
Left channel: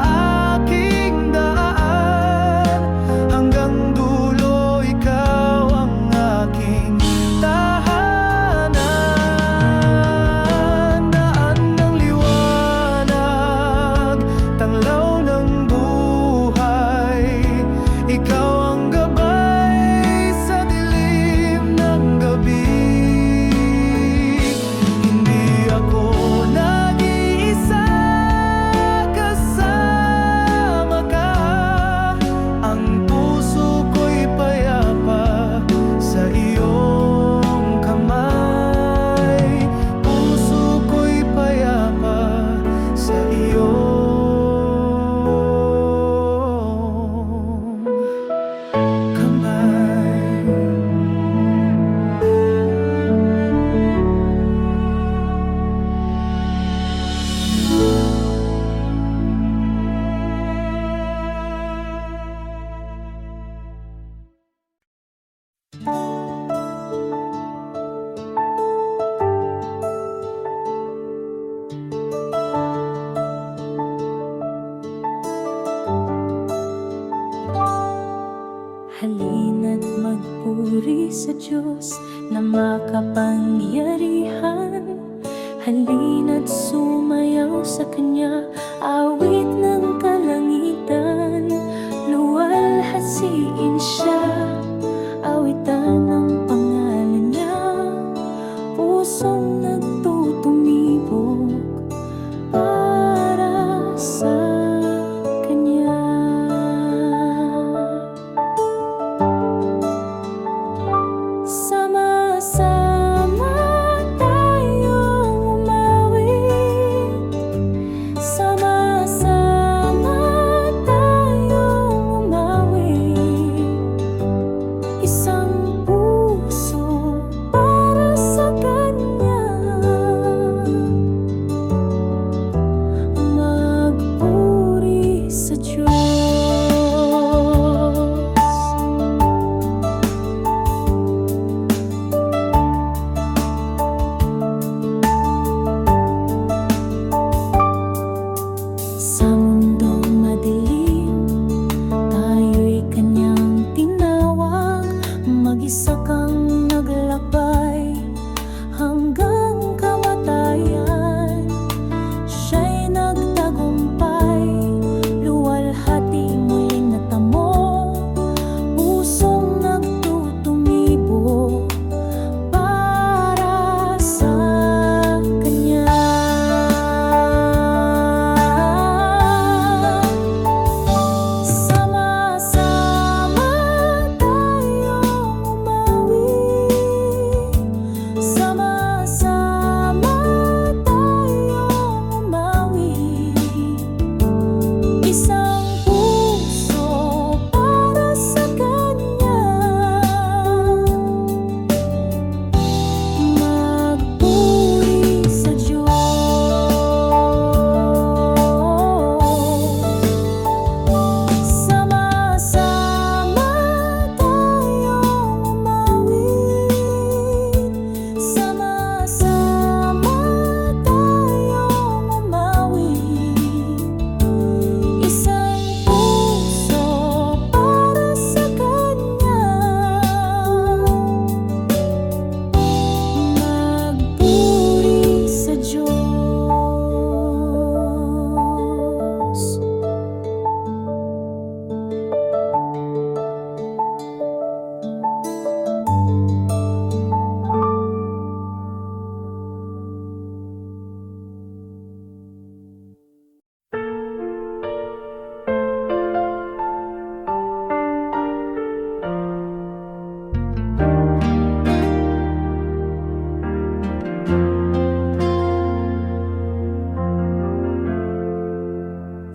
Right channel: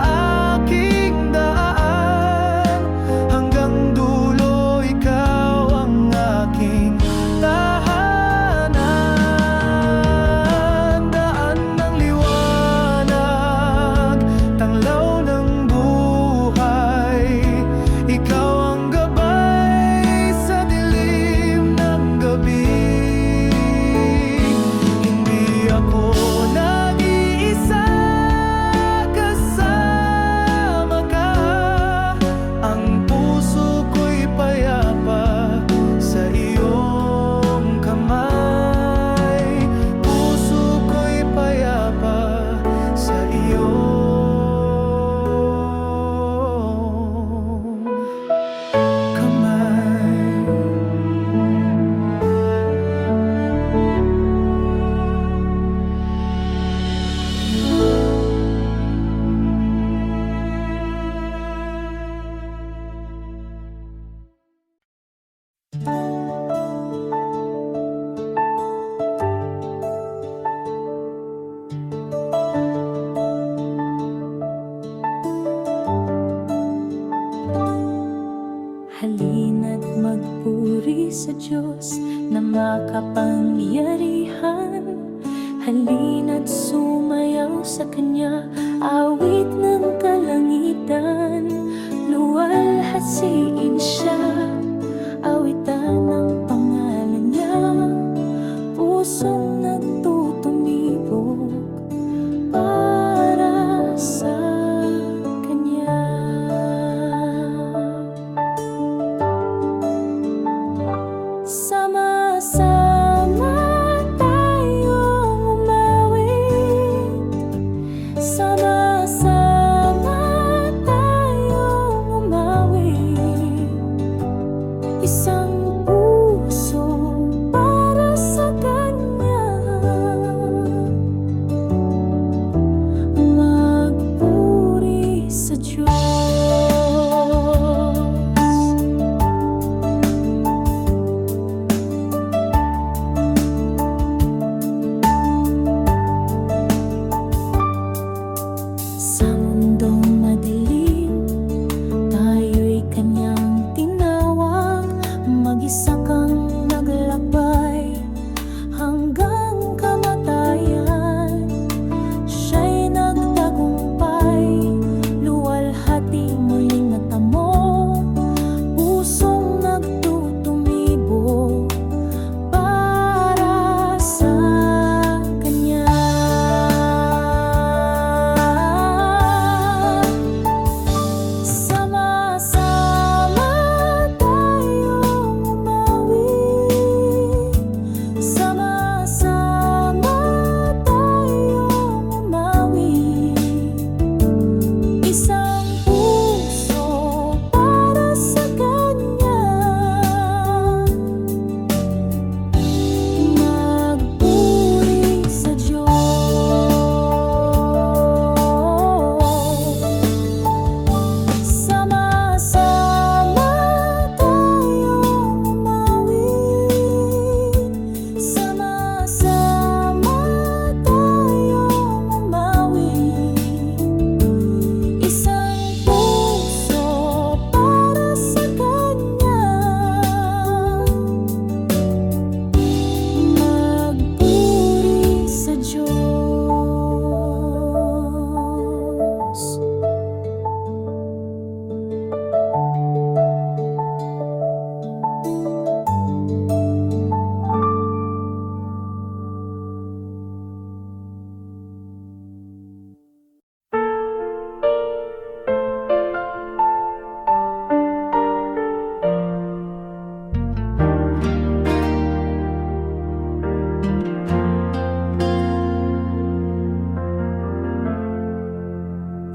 aking daan, hanggang dulo ikaw ang aking tahanan. Daan ng liwanag, tanglaw ng buhay, ikaw ang gabay sa dilim ng gabi. Hindi ako nag-iisa, kasama ka. Ang puso ko'y payapa sa iyong kamay. Puso ko'y payapa sa iyong kamay. Halina't magpuri sa Diyos na makapangyarihan. Halina't sumayaw sa Kanya, awit ng kalangitan. Luwalhasiin Siya, awitan ang pangalan Niya. Pusong nagtutumibok para sa Kanya. Sama-sama tayong umawit, sama-sama tayong umawit. Isang puso para sa Kanya.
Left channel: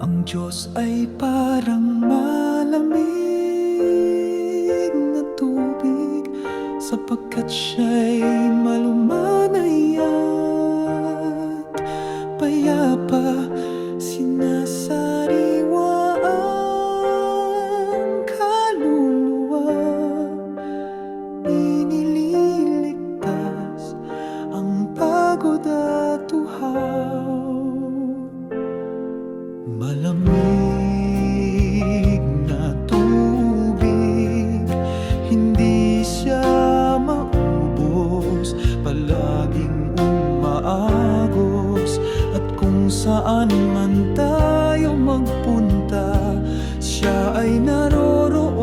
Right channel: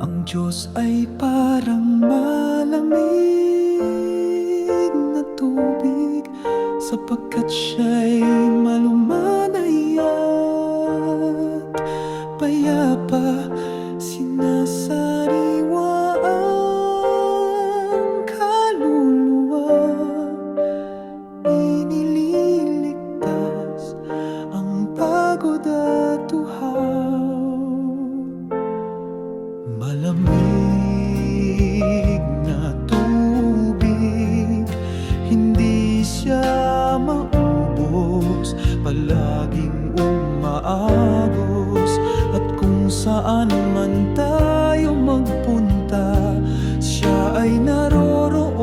Ang Diyos ay parang malamig na tubig, sapagkat siya'y malumanay at payapa. Sinasariwa ang kaluluwa, inililigtas ang pagod at uhaw. Malamig na tubig, hindi siya maubos, palaging umaagos. At kung saan man tayo magpunta, siya ay naroroon.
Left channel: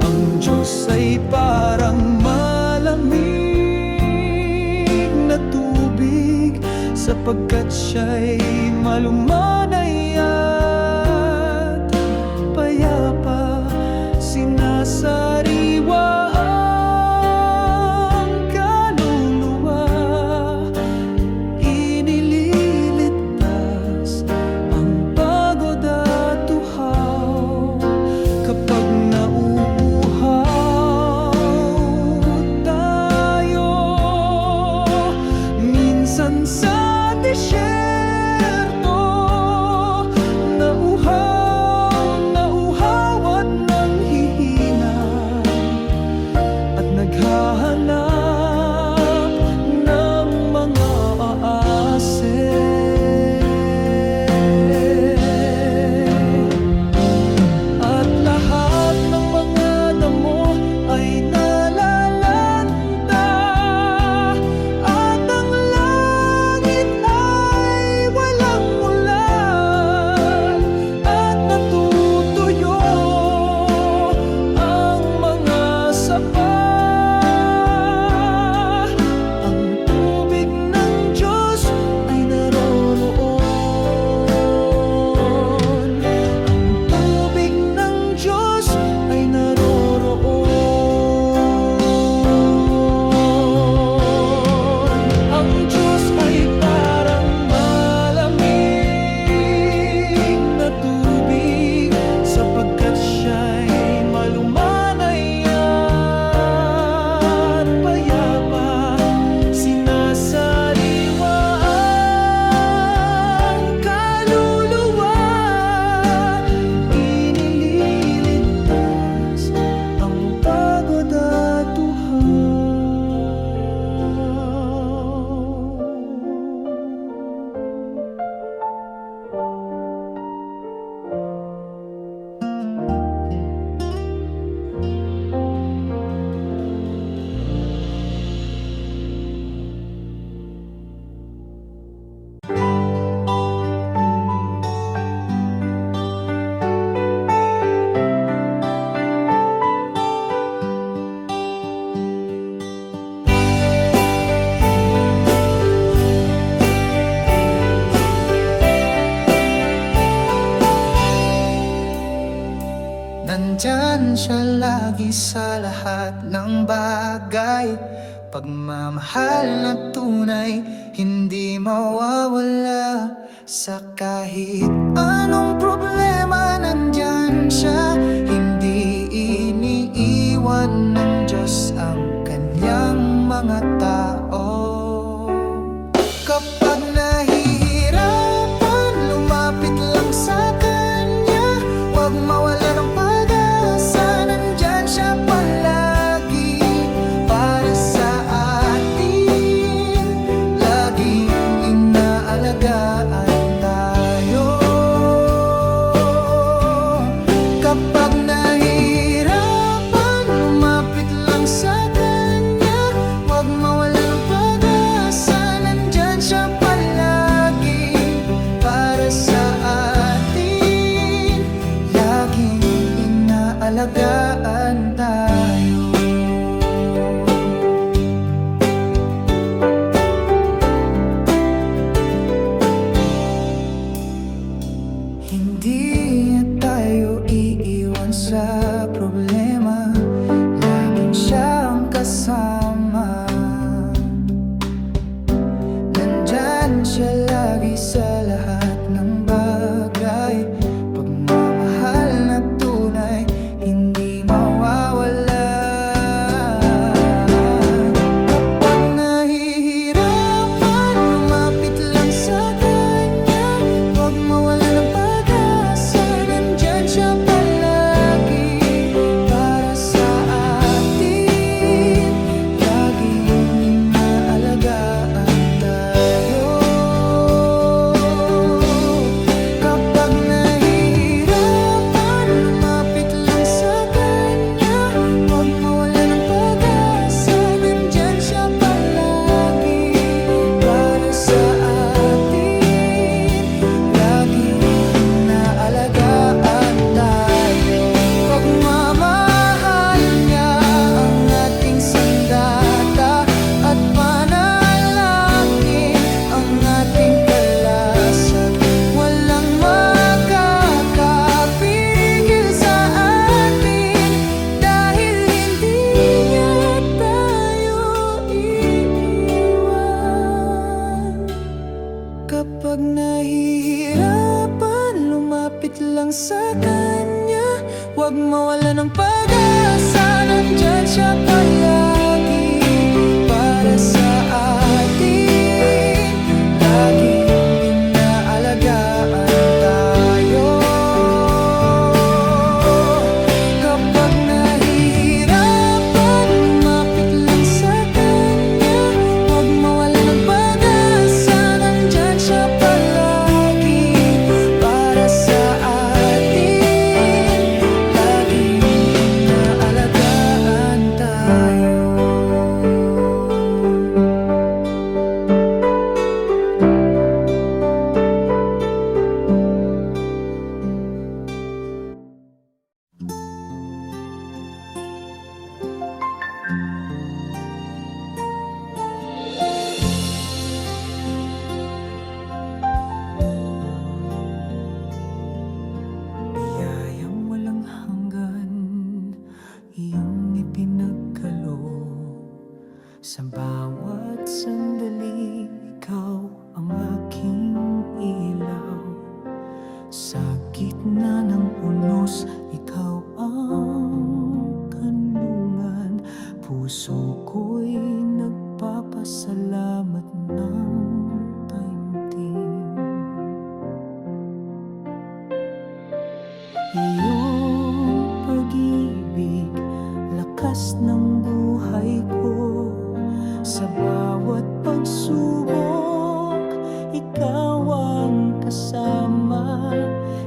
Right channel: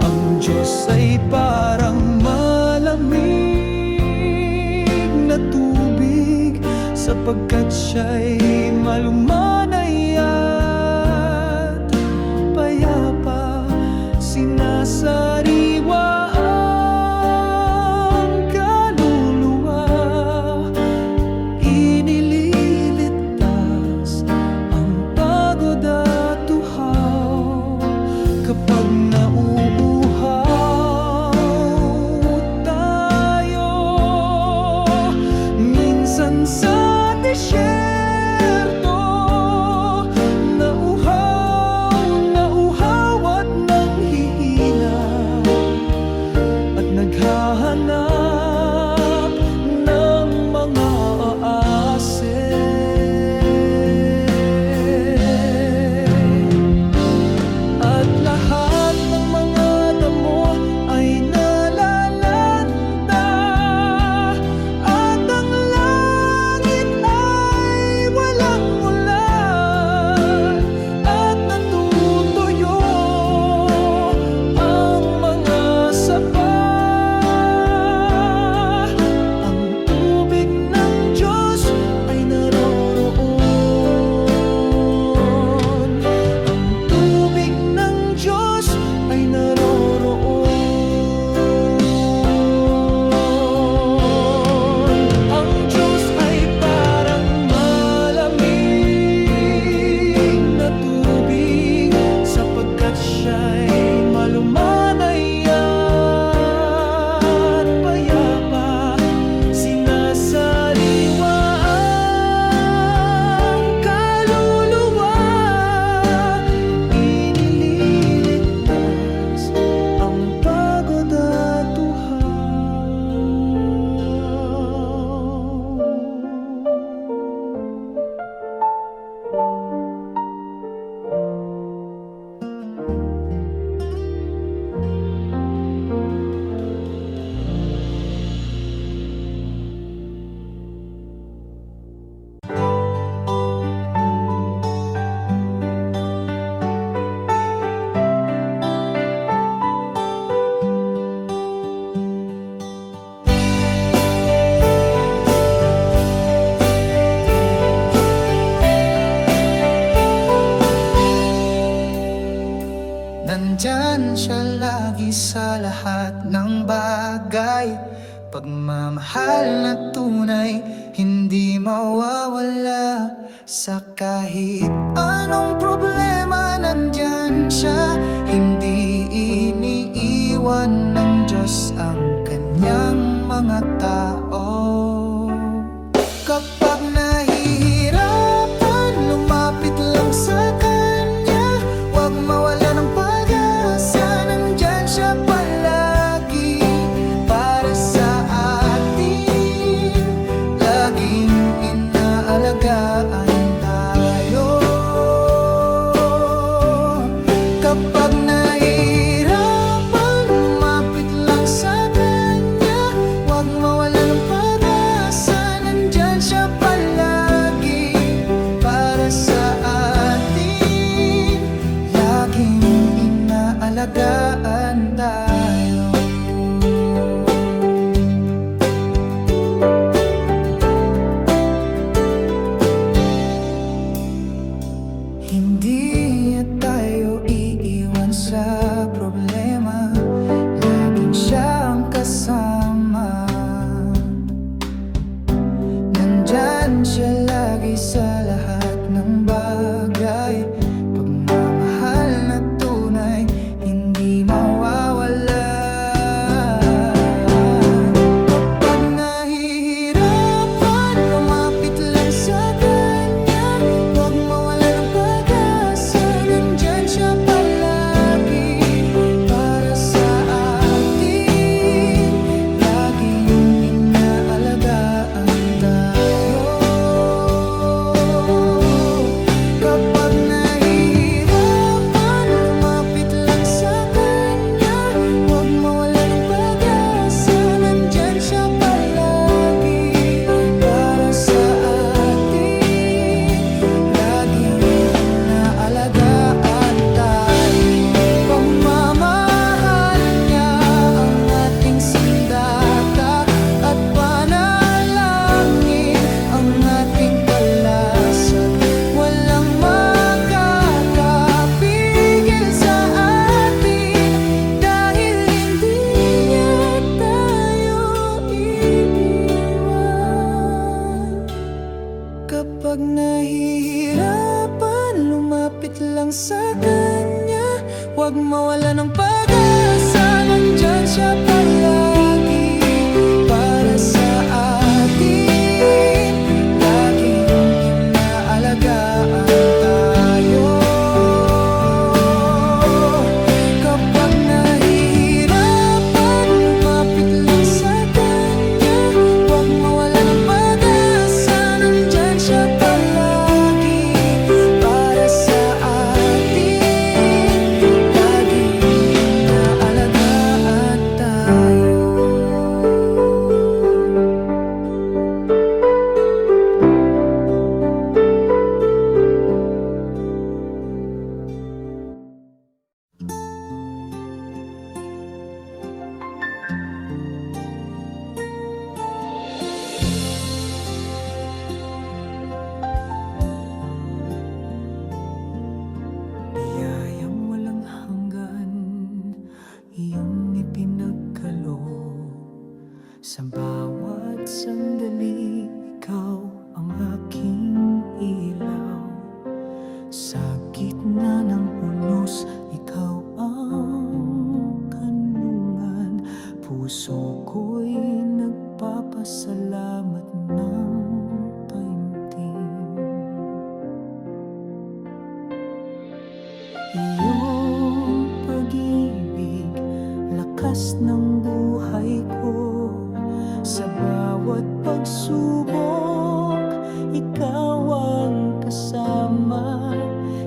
Ang Diyos ay parang malamig na tubig, sapagkat siya'y malumanay at payapa. Sinasariwa ang kaluluwa, inililigtas ang pagod at uhaw. Kapag nauuhaw tayo minsan sa disyerto, nauhaw at nanghihina, at naghahanap ng mga aase. At lahat ng mga damo ay nalalanta, at ang langit ay walang ulan, at natutuyo ang mga sapa. Ang tubig ng Diyos ay naroroon. Ang tubig ng Diyos ay naroroon. Ang Diyos ay parang malamig na tubig, sapagkat siya'y malumanay at payapa. Sinasariwa ang kaluluwa, inililigtas ang pagod at uhaw. Nandyan siya lagi sa lahat ng bagay. Pagmamahal na tunay, hindi mawawala. Sa kahit anong problema, nandyan siya. Hindi iniiwan ng Diyos ang kanyang mga tao. Kapag nahihirapan, lumapit lang sa Kanya. Huwag mawala ng pag-asa, nandyan siya palagi para sa atin. Laging inaalagaan tayo. Kapag nahihirapan, lumapit lang sa Kanya. Huwag mawala ng pag-asa, nandyan siya palagi para sa atin. Laging inaalagaan tayo. Hindi niya tayo iiwan sa problema, laging siya ang kasama. Nandyan siya lagi sa lahat ng bagay. Pagmamahal na tunay, hindi mawawala. Kapag nahihirapan, lumapit lang sa kanya. Huwag mawala ng pag-asa, nandyan siya palagi para sa atin. Laging inaalagaan tayo. Kapag nahihirapan, lumapit lang sa kanya. Huwag mawala ng pag-asa, nandyan siya palagi para sa atin. Laging inaalagaan tayo. Pagmamahal niya ang ating sandata, at panalangin ang ating kalasag. Walang makakapigil sa atin, dahil hindi niya tayo iiwan. Kapag nahihirapan, lumapit lang sa kanya. Huwag mawala ng pag-asa, nandyan siya palagi para sa atin. Laging inaalagaan tayo. Kapag nahihirapan, lumapit lang sa kanya. Huwag mawala ng pag-asa, nandyan siya palagi para sa atin. Laging inaalagaan tayo. Biyayang walang hanggan, iyong ipinagkaloob. Sa bawat sandali, ikaw ang aking ilaw. Sa gitna ng unos, ikaw ang kanlungan. Puso ko'y nagpapasalamat ng taimtim. Iyong pag-ibig, lakas ng buhay ko. Sa bawat pagsubok, ikaw ang kasama.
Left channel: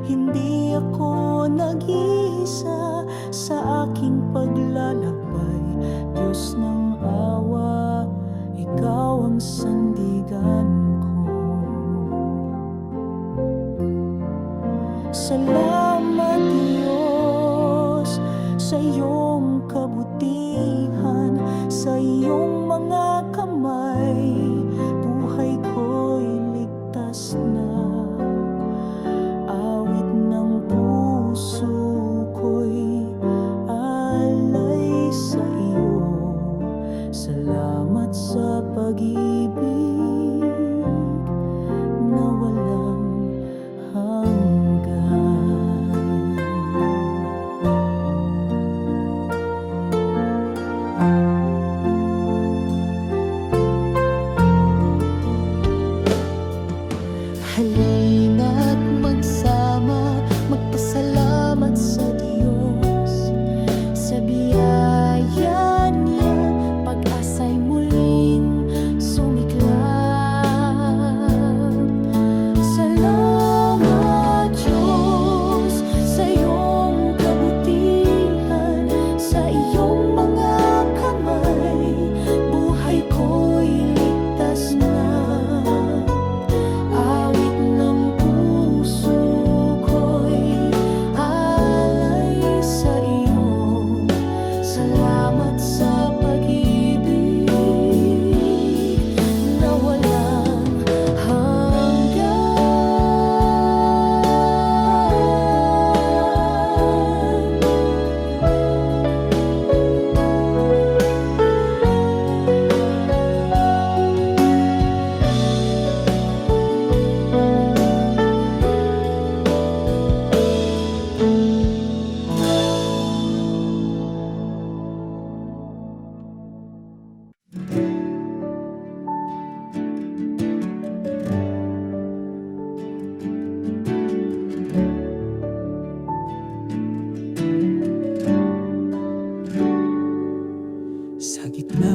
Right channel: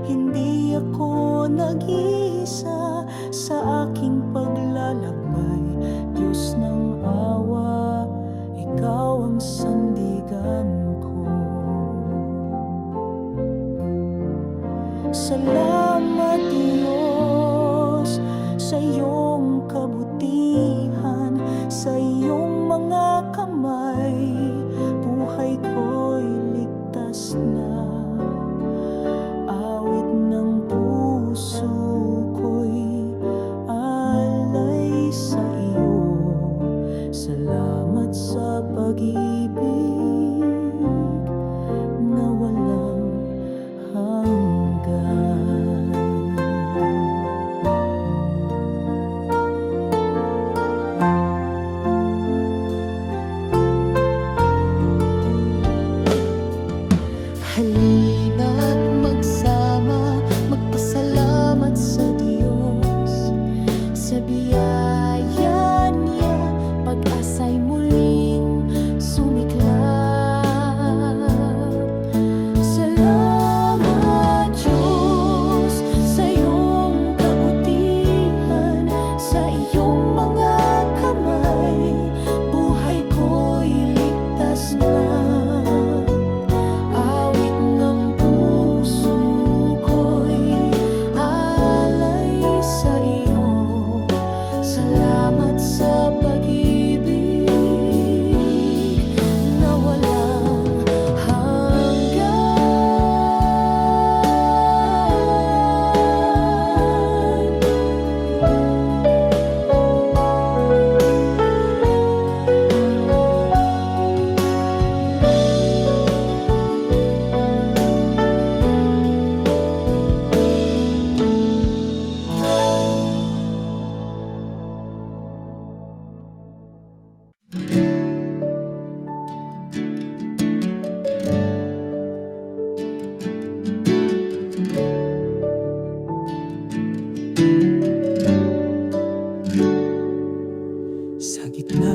Hindi ako nag-iisa sa aking paglalakbay. Diyos ng awa, ikaw ang sandigan ko. Salamat Diyos sa iyong kabutihan, sa iyong mga kamay, buhay ko'y ligtas na. Awit ng puso ko'y alay sa iyo. Salamat sa pag-ibig na walang hanggan. Halina't magsama, magpasalamat sa Diyos. Sa biyaya niya, pag-asa'y muling sumiklap. Salamat Diyos sa iyong kabutihan, sa iyong mga kamay, buhay ko'y ligtas na. Awit ng puso ko'y alay sa iyo. Salamat sa pag-ibig na walang hanggan.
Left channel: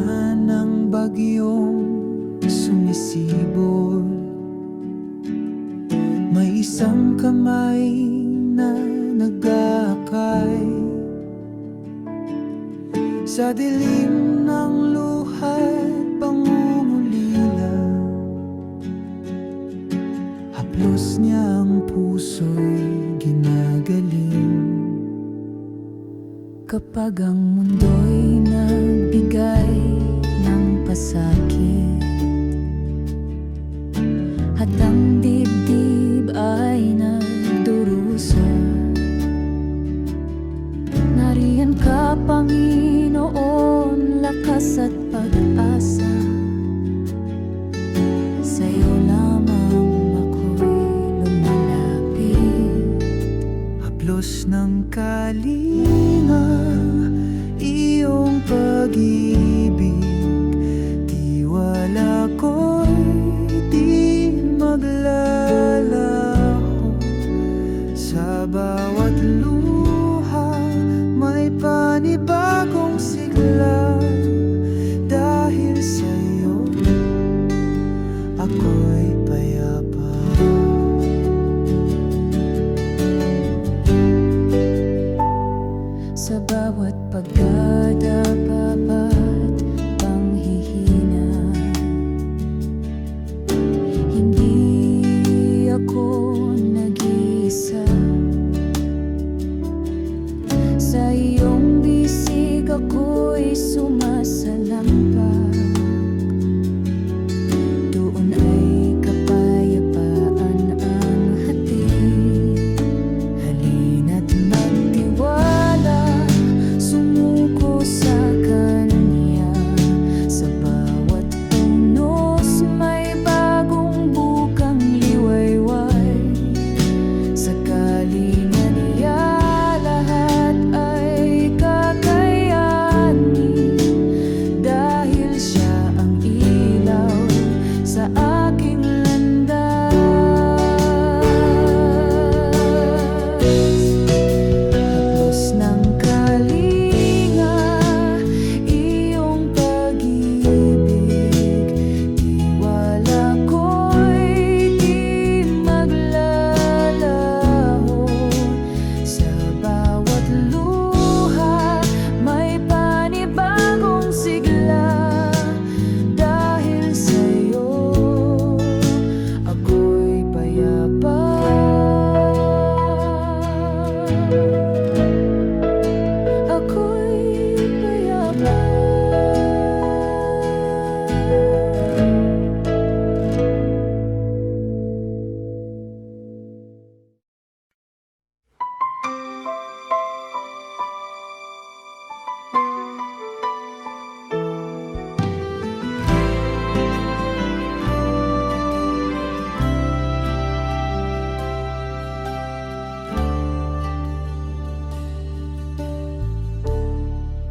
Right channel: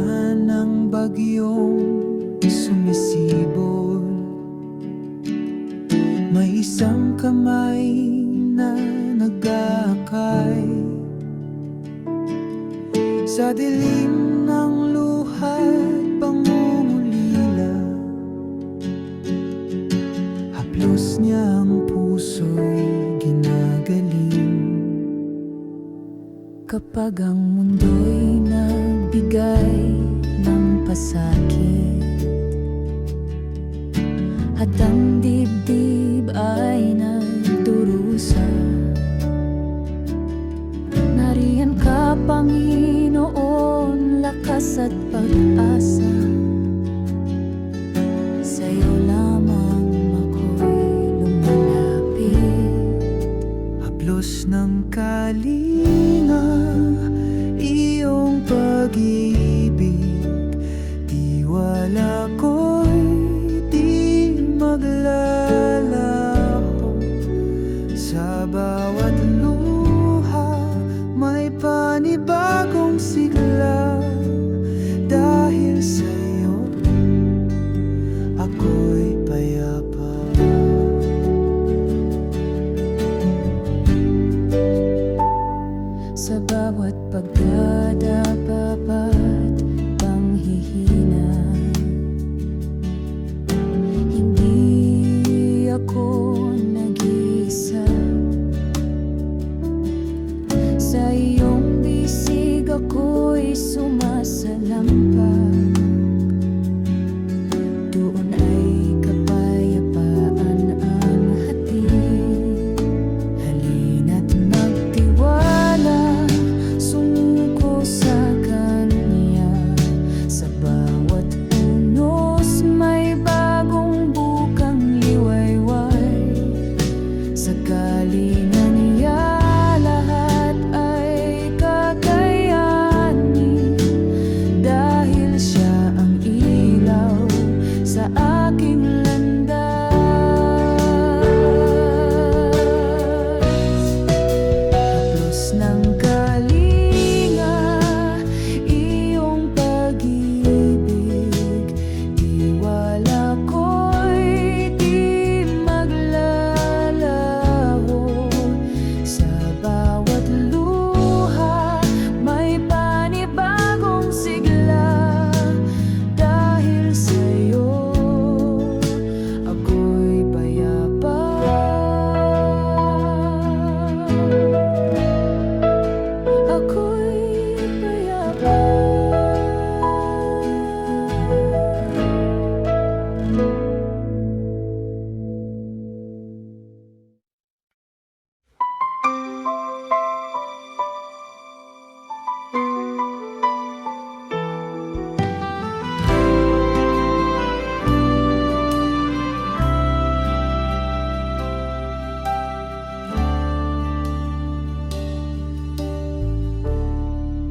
Ulan ng bagyong sumisibol, may isang kamay na nag-aakay sa dilim ng luha't pangungulila. Haplos niya ang puso'y ginagaling. Kapag ang mundo'y nagbigay ng pasakit at ang dibdib ay nagdurusa, nariyan ka, Panginoon, lakas at pag-asa. Sa'yo lamang ako'y lumalapit. Haplos ng kalinga, iyong pag-ibig, tiwala ko'y di maglalaho. Sa bawat luha may panibagong sigla. Dahil sa'yo ako'y payapa. Sa bawat pagkadapapat, panghihina, hindi ako nag-iisa. Sa iyong bisig ako'y sumasalampak. Doon ay kapayapaan ang hatid. Halina't magtiwala, sumuko sa Kanya. Sa bawat unos may bagong bukang liwayway. Sa kalinga niya lahat ay kakayanin. Dahil siya ang ilaw sa aking landas. Haplos ng kalinga, iyong pag-ibig, tiwala ko'y di maglalaho. Sa bawat luha may panibagong sigla. Dahil sa'yo ako'y payapa. Ako'y payapa.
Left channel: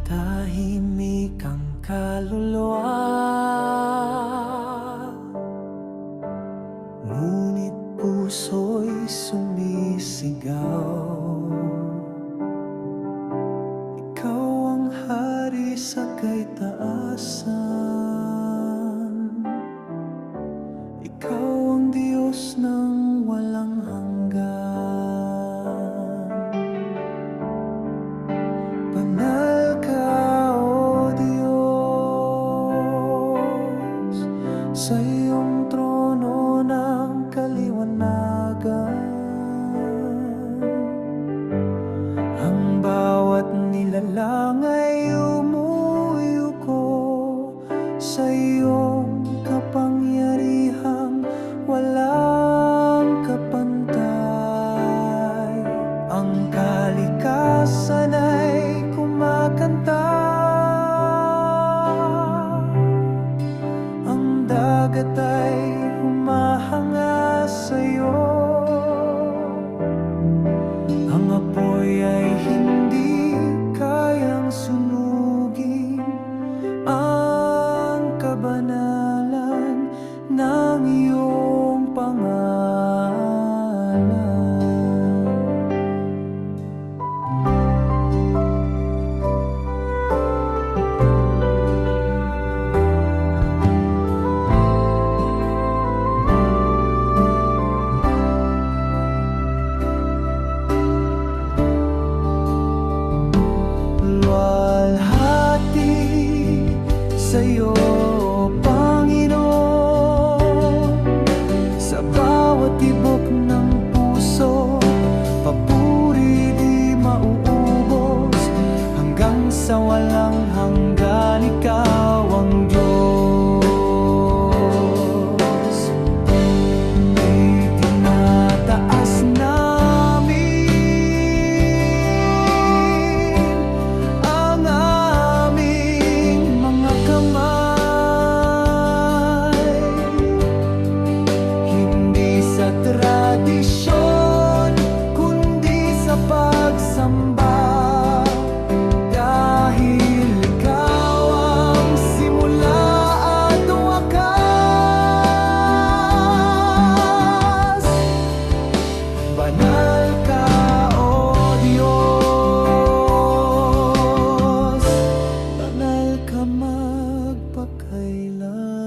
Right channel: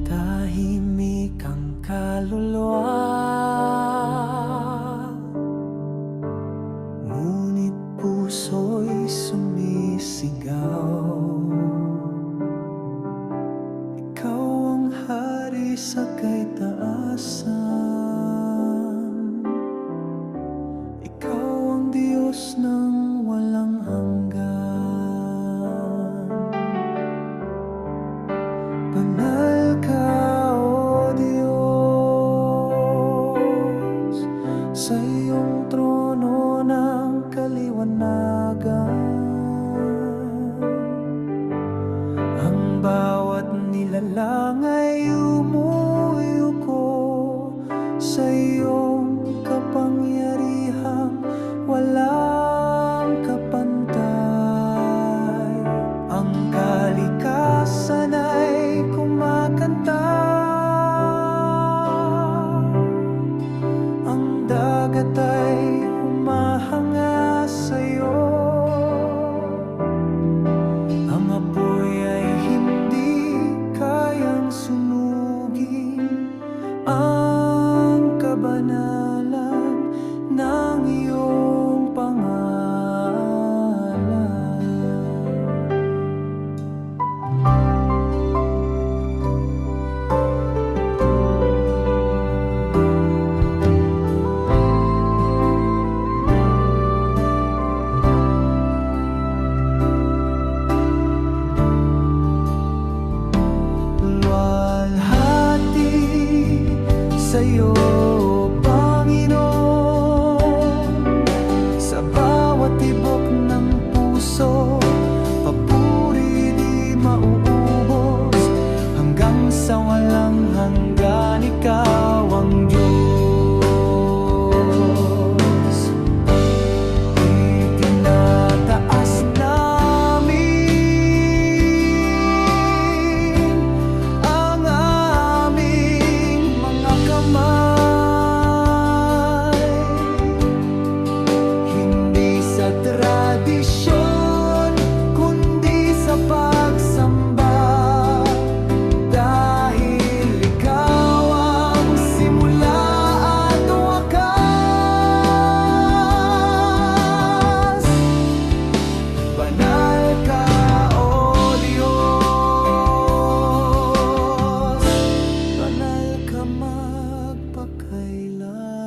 Tahimik ang kaluluwa, ngunit puso'y sumisigaw. Ikaw ang hari sa kaitaasan, ikaw ang Diyos ng walang hanggan. Banal ka, O Diyos, sa iyong trono ng kaliwanagan. Ang bawat nilalang ay umuyuko sa iyong kapangyarihang walang kapantay. Ang kalikasan ay kumakanta, ang dagat ay humahanga sa'yo. Ang apoy ay hindi kayang sunugin ang kabanalan ng iyong pangalan. sa'yo, Panginoon. Sa bawat tibok ng puso, papuri di mauubos. Hanggang sa walang hanggan, ikaw ang Diyos. Itinataas namin ang aming mga kamay, hindi sa tradisyon, kundi sa pagsamba. Dahil ikaw ang simula at wakas, banal ka, O Diyos, banal ka magpakailanman.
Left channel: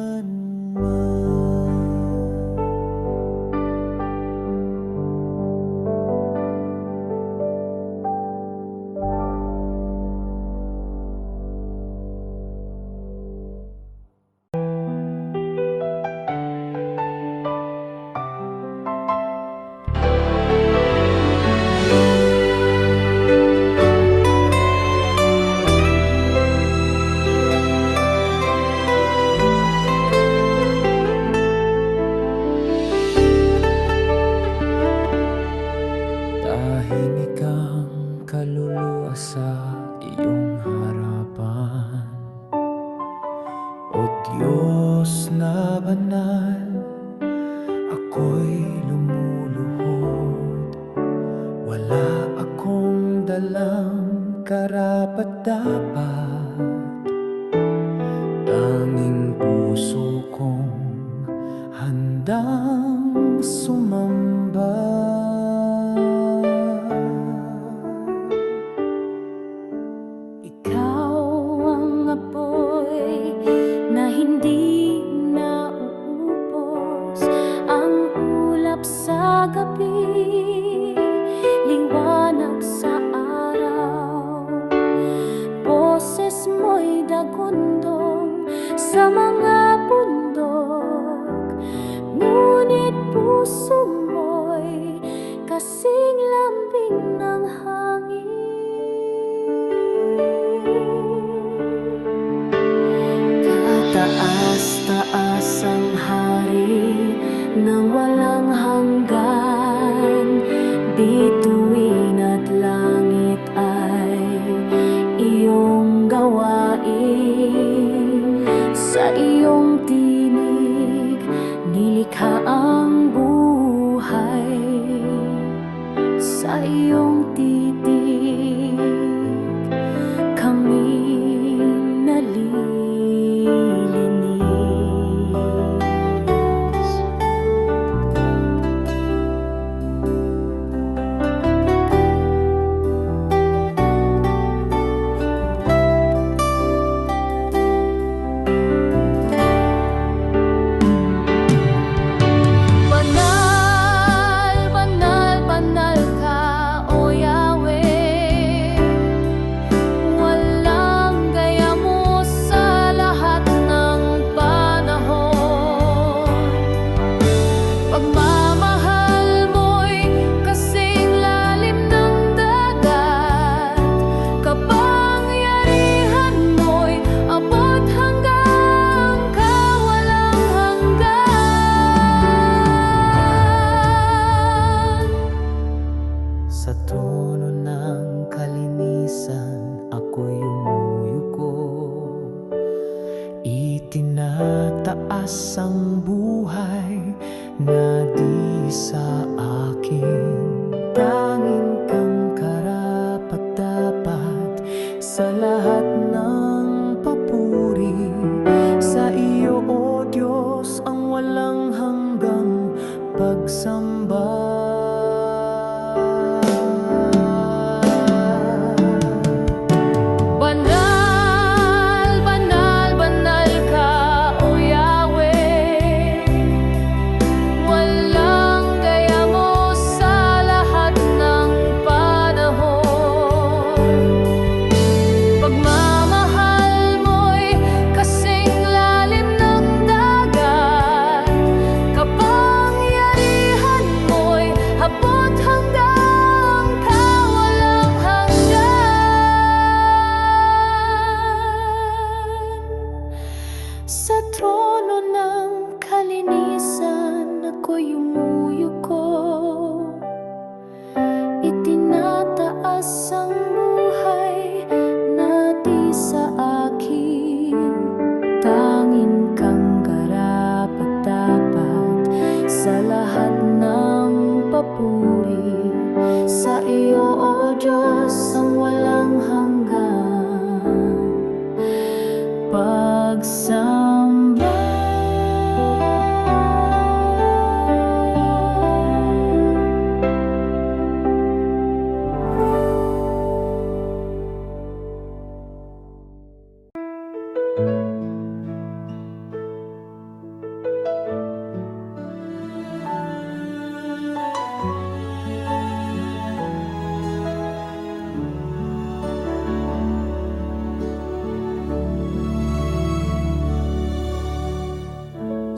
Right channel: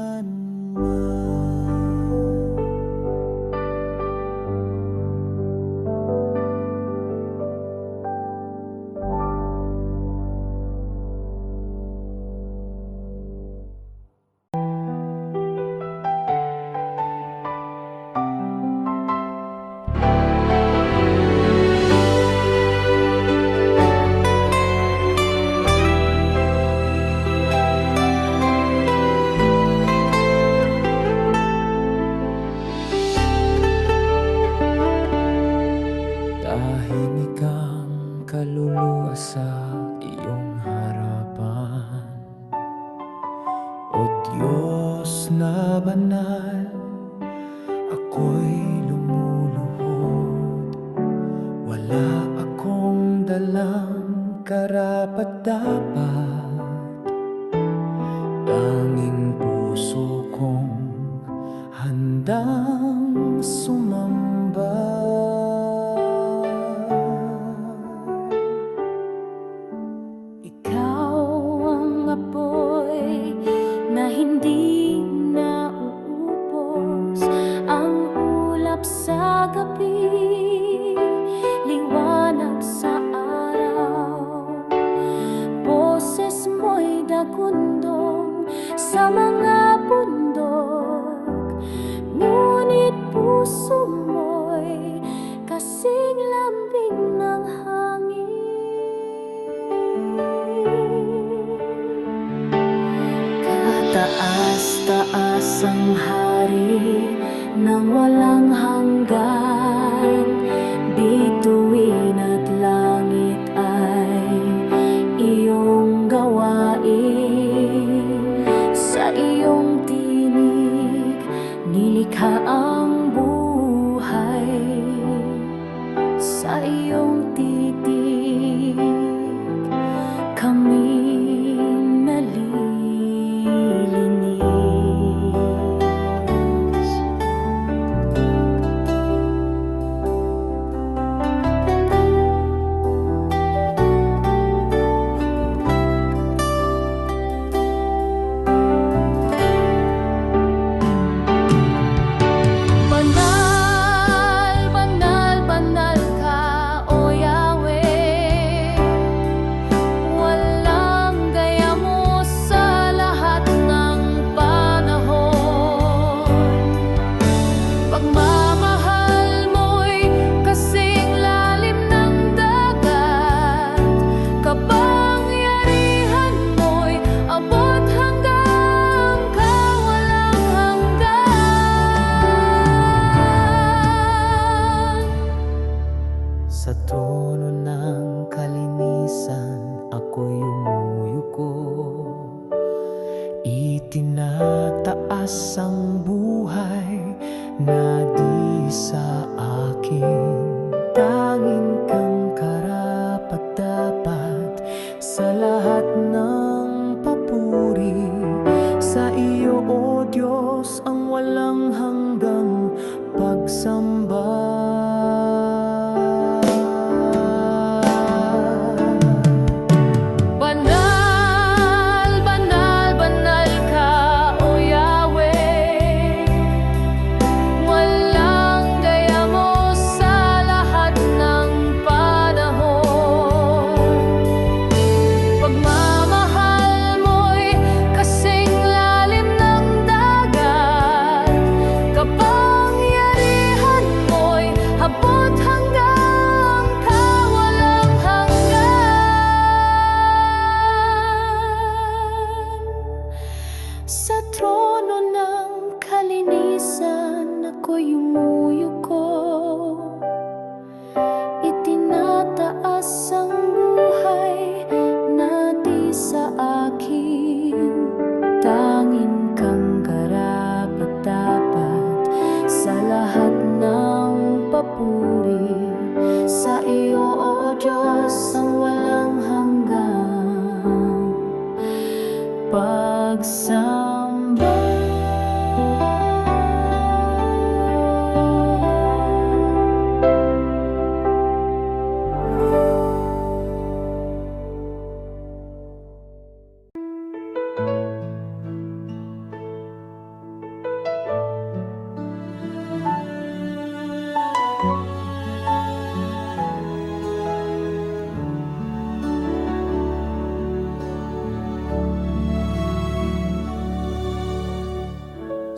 Tahimik ang kaluluwa sa iyong harapan, O Diyos na banal, ako'y lumuluhod. Wala akong dalang karapat-dapat, tanging puso kong handang sumamba. Ikaw ang apoy na hindi nauubos, ang ulap sa gabi, liwanag sa araw. Boses mo'y dagundong sa mga bundok, ngunit puso mo'y kasing lambing ng hangin. Taas-taas ang hari nang walang hanggan, bituin at langit ay iyong gawain. Sa iyong tinig nilikha ang buhay, sa iyong titig kami nalilinis. Banal, banal, banal ka, O Yahweh. Walang gaya mo sa lahat ng panahon. Pagmamahal mo'y kasing lalim ng dagat, kapangyarihan mo'y abot hanggang kawalang hanggan. Sa trono ng kalinisan ako'y umuyuko, itinataas ang buhay na di sa akin. Tanging kang karapat-dapat sa lahat ng papuri. Sa iyo, O Diyos, ang walang hanggang pagsamba. Banal, banal, banal ka, O Yahweh. Walang gaya mo sa lahat ng panahon. Pagmamahal mo'y kasing Sa trono ng kalinisan ako'y yumuyuko. Itinataas ang buhay na di sa akin. Tanging kang karapat-dapat sa lahat ng papuri. Sa iyo, O Diyos, ang walang hanggang pagsamba.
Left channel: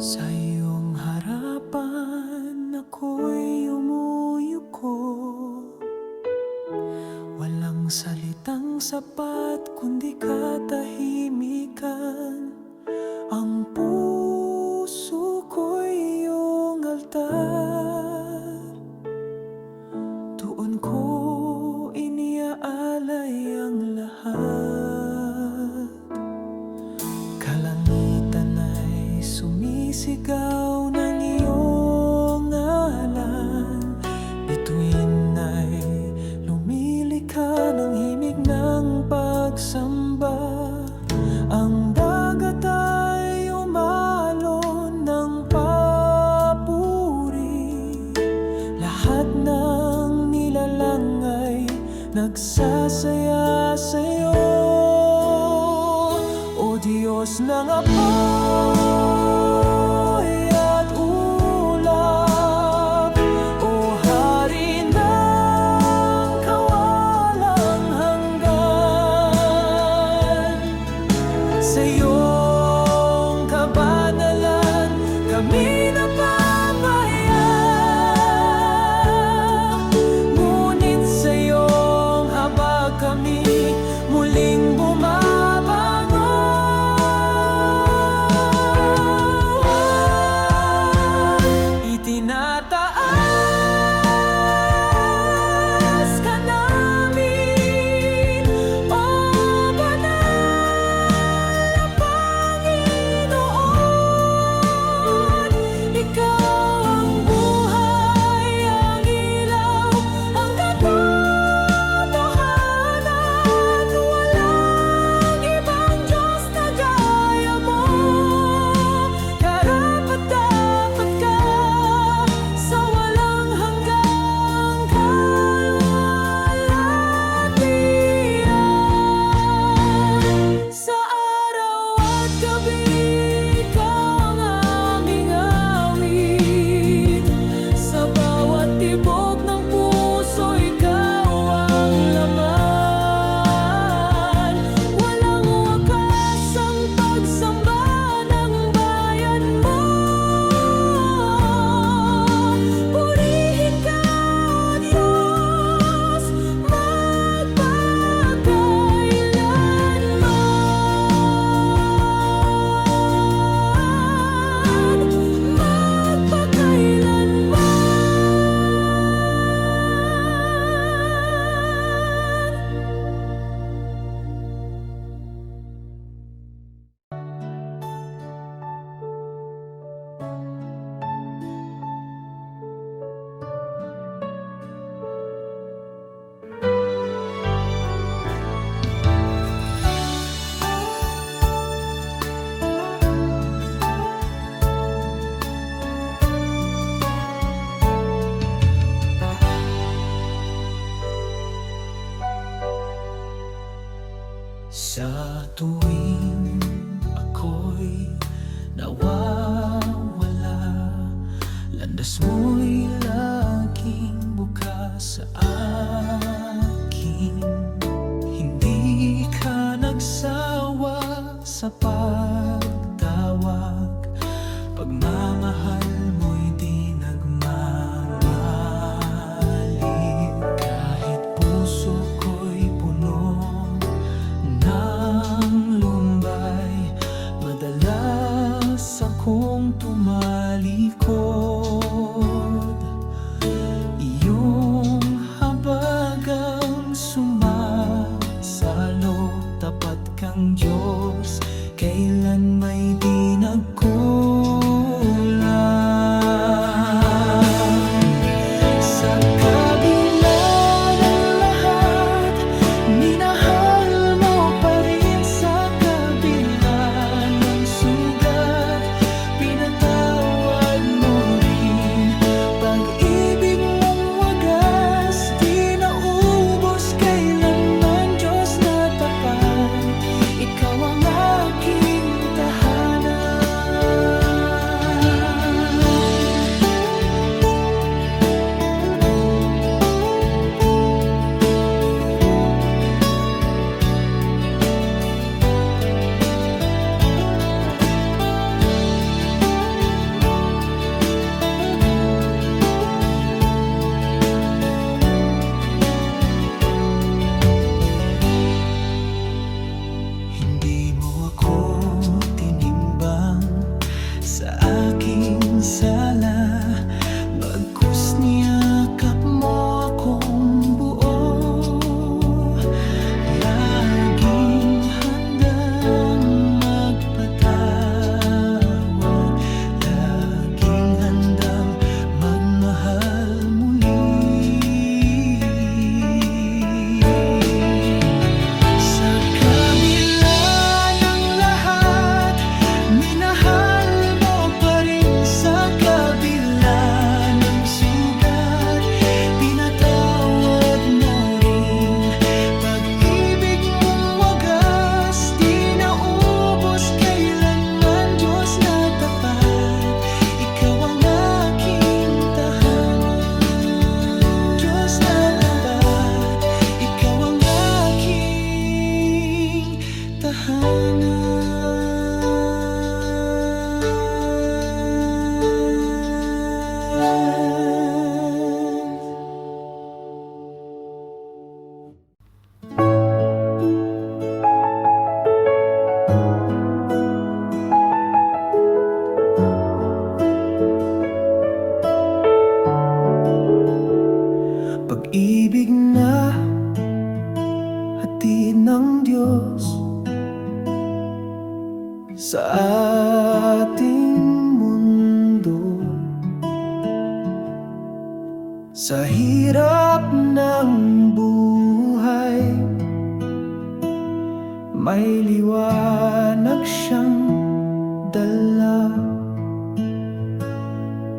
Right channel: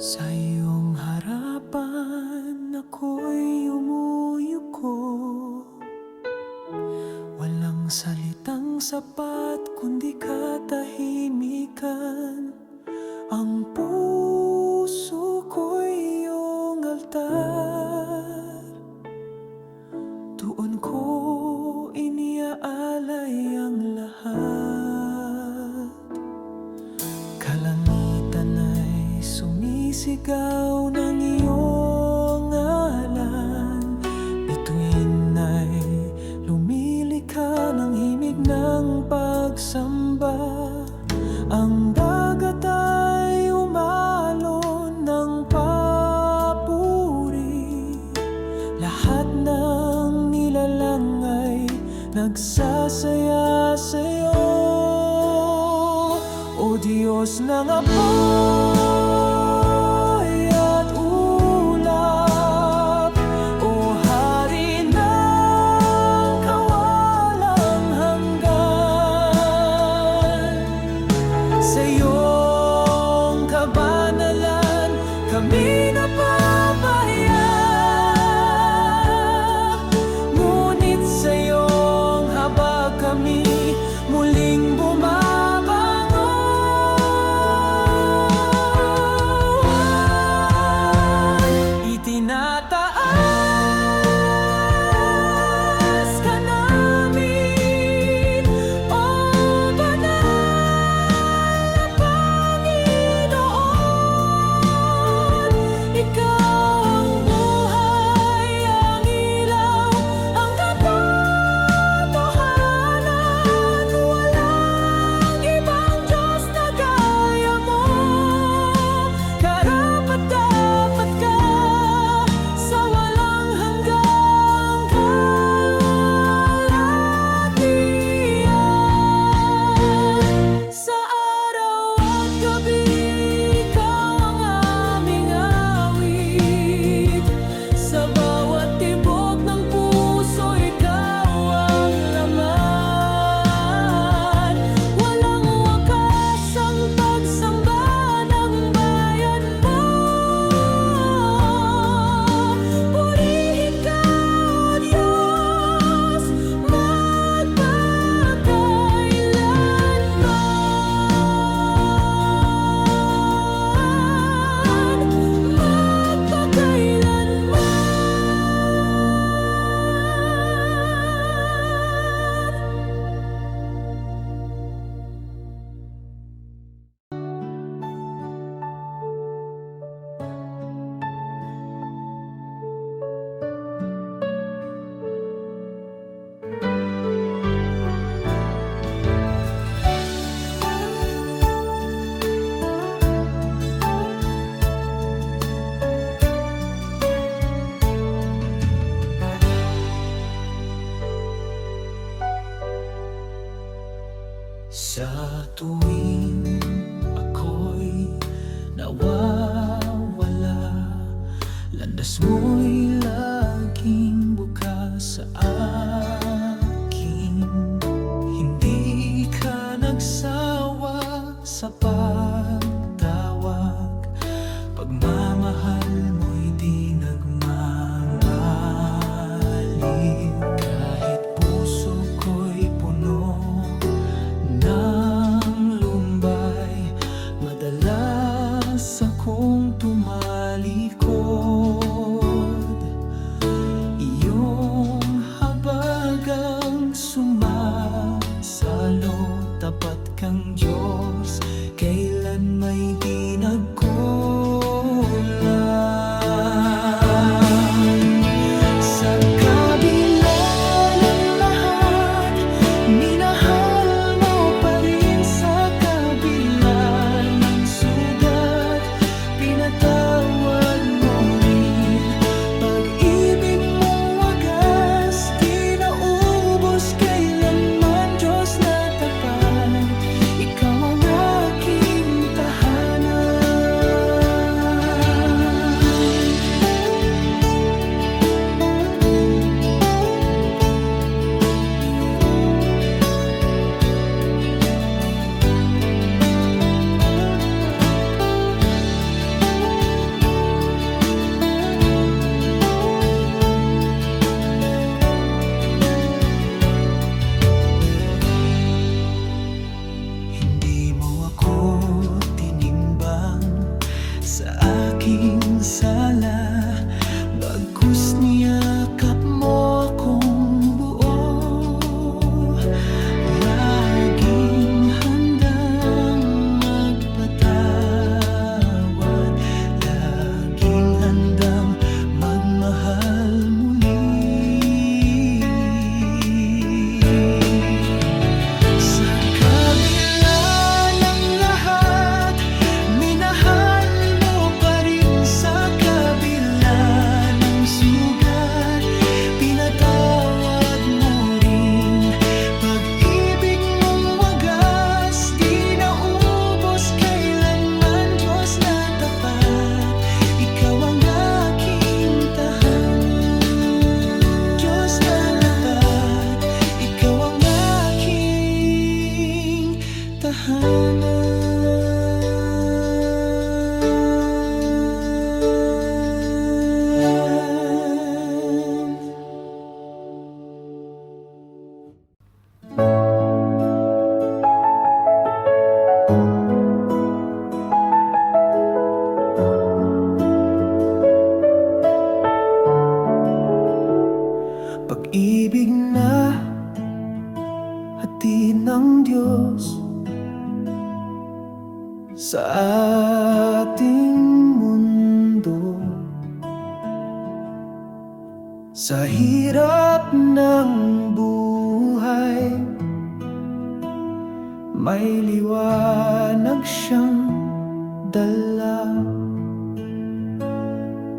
Sa iyong harapan ako'y umuyuko. Walang salitang sapat kundi katahimikan. Ang puso ko'y iyong altar. Doon ko iniaalay ang lahat. Kalangitan ay sumisigaw ng iyong ngalan. Bituin ay lumilika ng himig ng pagsamba. Ang dagat ay umalon ng papuri. Lahat ng nilalang ay nagsasaya sa'yo. O Diyos ng apoy at ulap, O Hari ng kawalang hanggan. Sa iyong kabanalan kami napapahaya, ngunit sa iyong habag kami muling bumabangon. Itinataas ka namin, O banal na Panginoon. Ikaw ang buhay, ang ilaw, ang katotohanan. Walang ibang Diyos na gaya mo. Karapat-dapat ka sa walang hanggang kalwalhatian. Sa araw at gabi, ikaw ang aming awit. Sa bawat tibok ng puso, ikaw ang laman. Walang wakas ang pagsamba ng bayan mo. Purihin ka, O Diyos, magpakailanman. Sa tuwing ako'y nawawala, landas mo'y laging bukas sa akin. Hindi ka nagsawa sa pagtawag, pagmamahal mo'y di nagmamaliw. Kahit puso ko'y puno ng lumbay, madalas akong tumalikod. Iyong habagang sumasalo, tapat kang Diyos, kailan may di nagkulang. Sa kabila ng lahat, minahal mo pa rin. Sa kabila ng sugat, pinatawad mo rin. Pag-ibig mong wagas, di naubos kailanman. Diyos na tapat, ikaw ang aking tahanan. Hindi mo ako tinimbang sa aking sala, bagkus niyakap mo akong buo. Laging handang magpatawad, laging handang magmahal muli. Sa kabila ng lahat, minahal mo pa rin. Sa kabila ng sugat, pinatawad mo rin. Pag-ibig mong wagas, di naubos kailanman. Diyos na tapat, ikaw ang aking tahanan. Diyos na tapat, ikaw ang aking tahanan. Pag-ibig na hatid ng Diyos sa ating mundo. Sa hirap ng buhay, may liwanag siyang dala.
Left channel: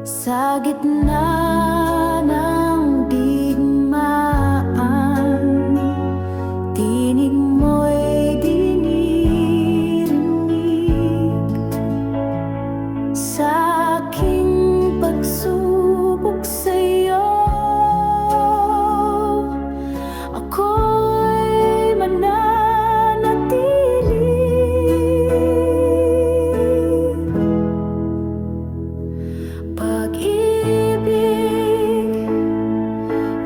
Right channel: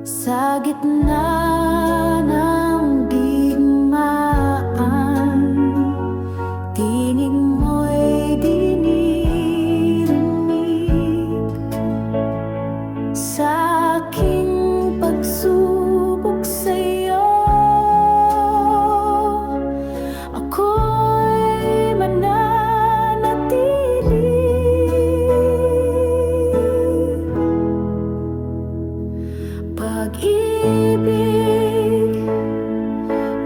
Sa gitna ng digmaan, tinig mo'y dinirinig. Sa aking pagsubok sa'yo, ako'y mananatili. Pag-ibig,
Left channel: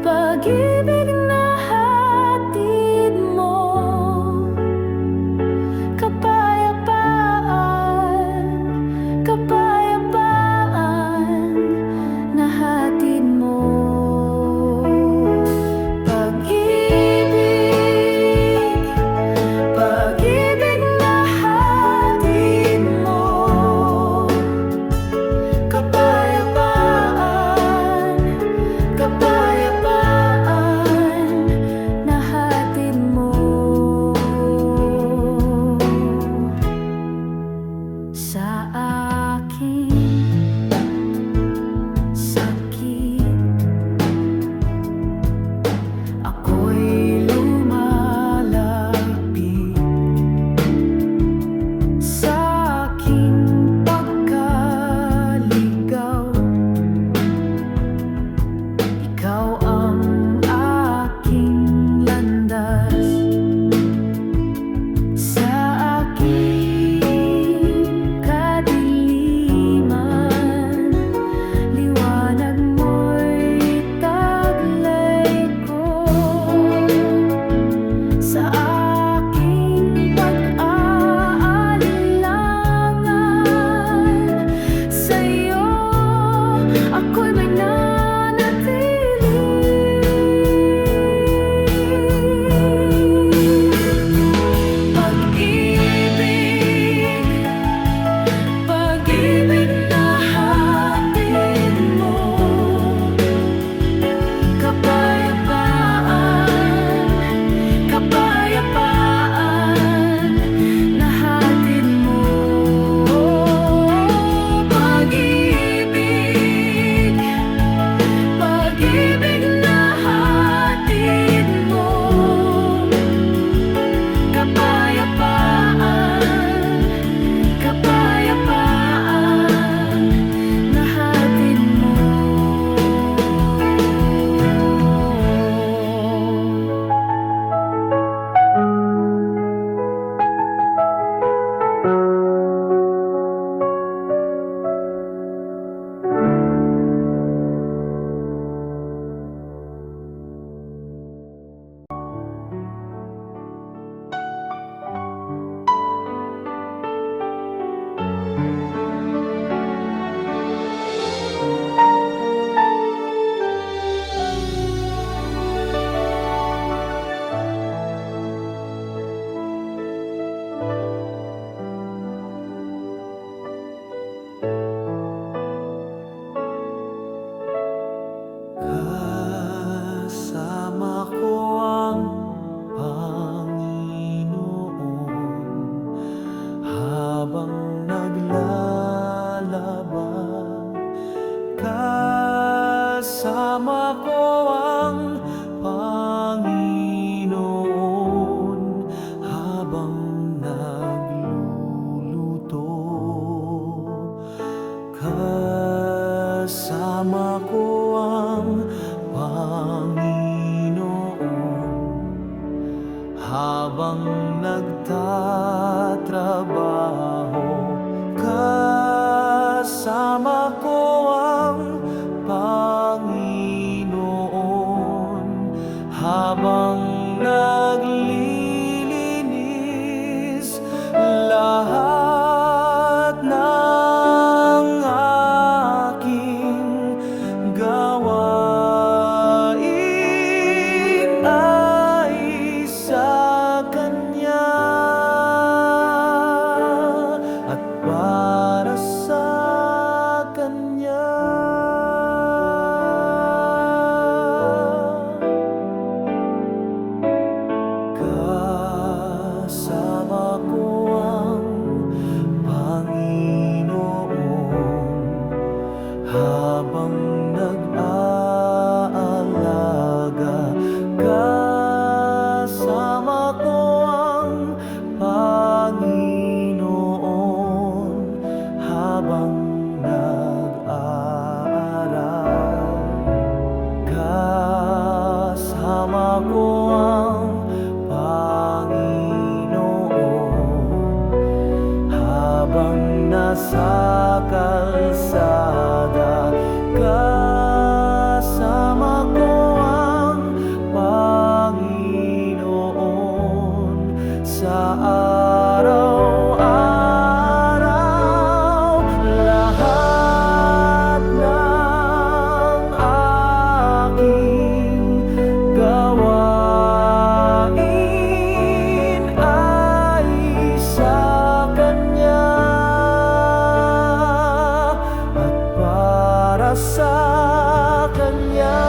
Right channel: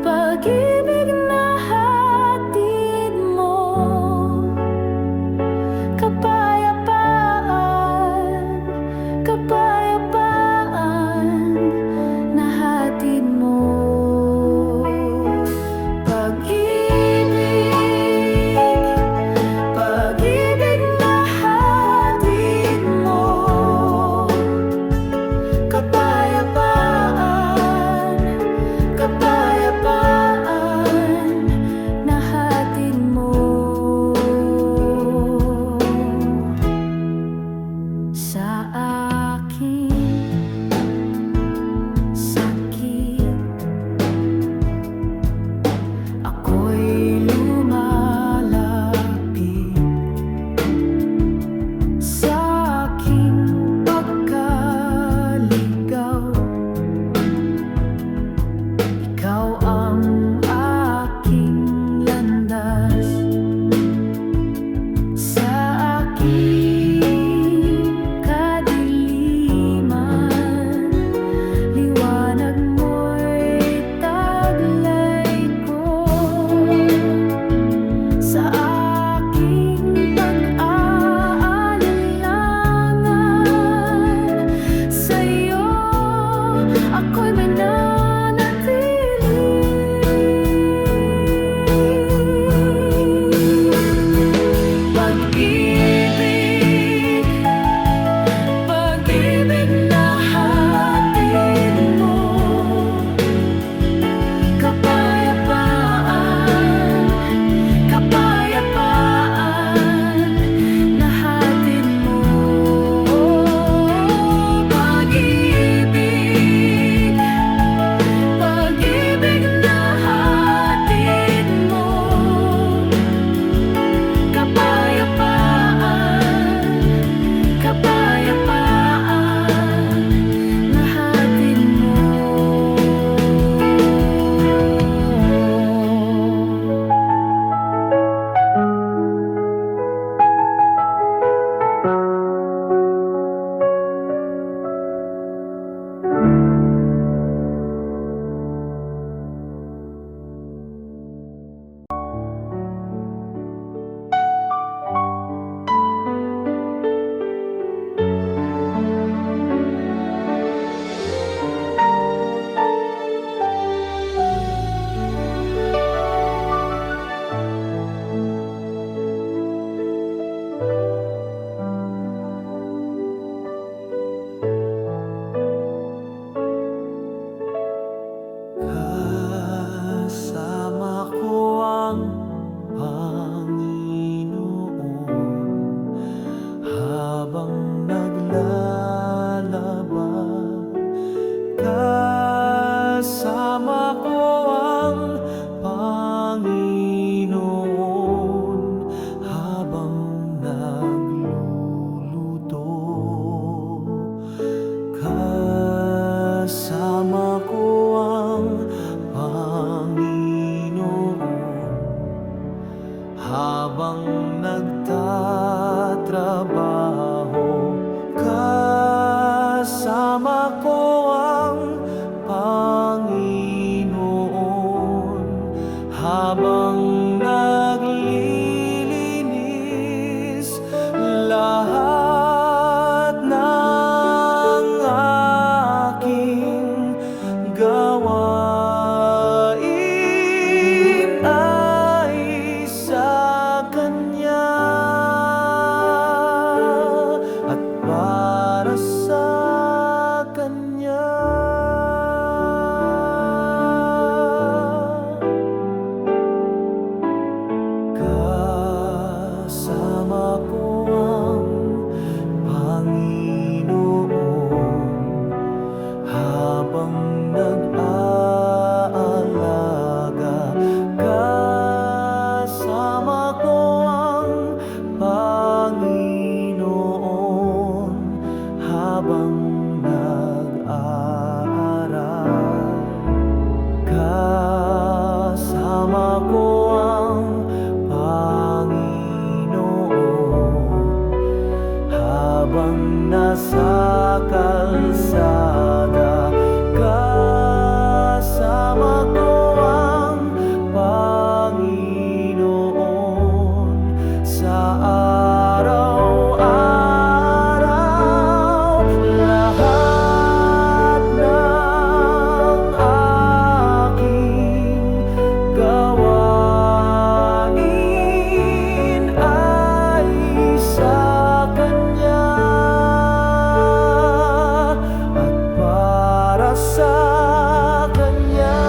pag-ibig na hatid mo, kapayapaan, kapayapaan na hatid mo. Pag-ibig, pag-ibig na hatid mo, kapayapaan, kapayapaan na hatid mo. Sa aking sakit, ako'y lumalapit. Sa aking pagkaligaw, ikaw ang aking landas. Sa aking kadiliman, kapayapaan na hatid mo. Kasama ko ang Panginoon habang naglalaba. Kasama ko ang Panginoon habang nagluluto. Kasama ko ang Panginoon habang nagtatrabaho. Kasama ko ang Panginoon habang naglilinis. Lahat ng aking gawain ay sa Kanya at para sa Kanya. Kasama ko ang Panginoon habang nag-aalaga. Kasama ko ang Panginoon habang nag-aaral. Kasama ko ang Panginoon habang nasa kalsada. Kasama ko ang Panginoon sa araw-araw. Lahat ng aking gawain ay sa Kanya at para sa Kanya.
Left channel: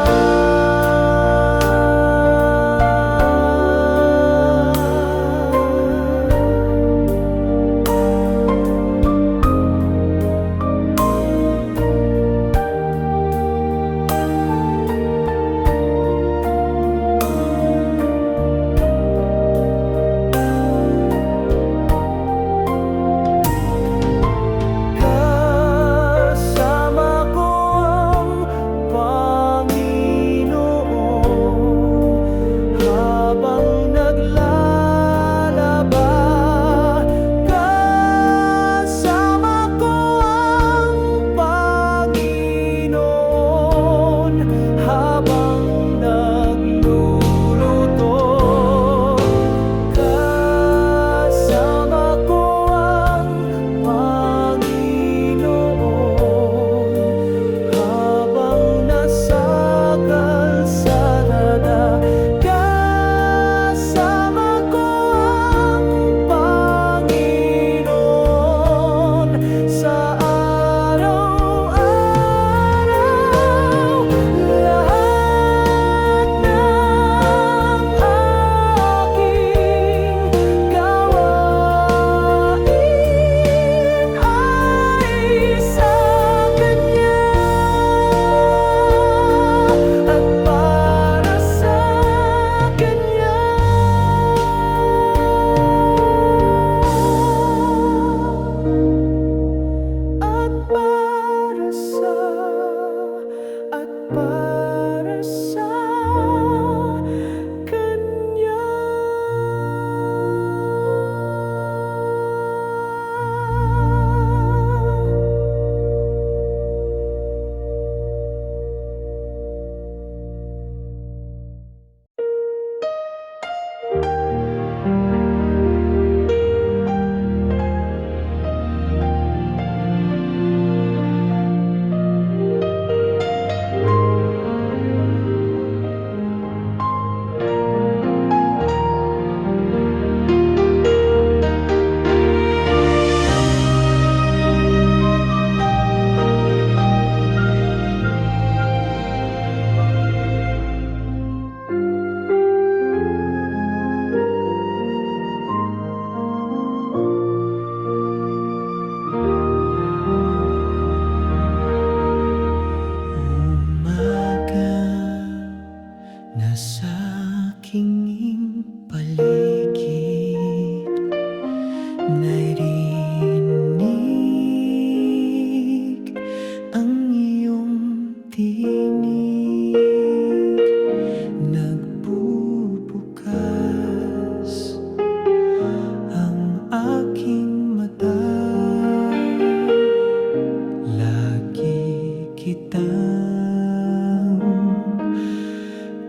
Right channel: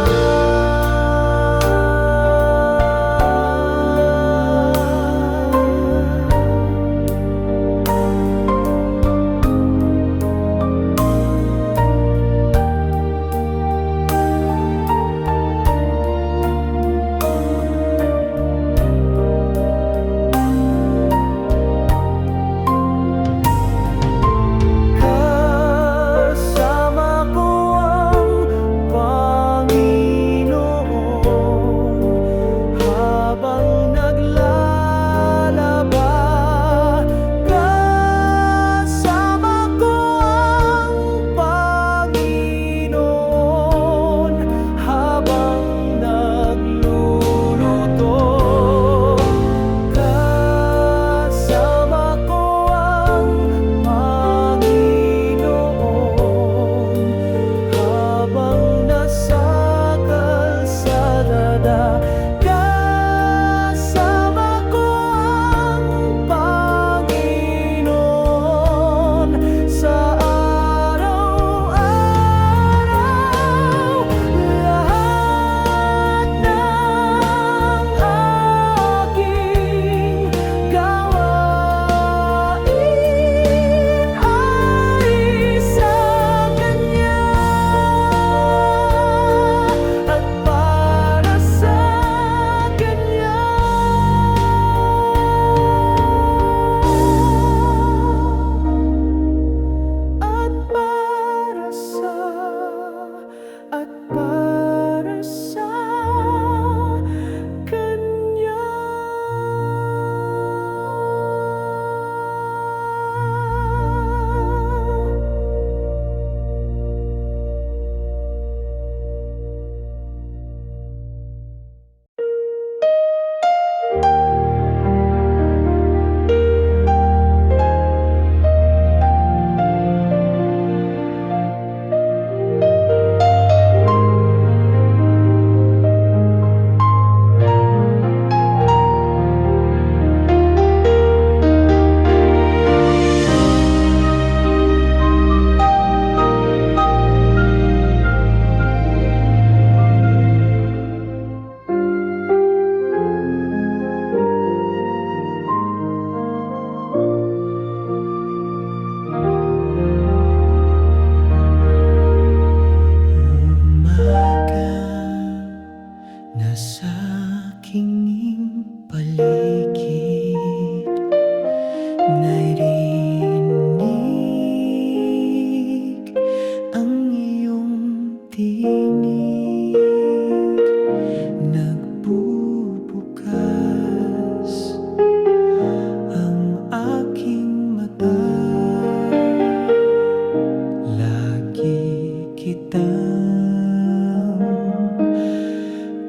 kitang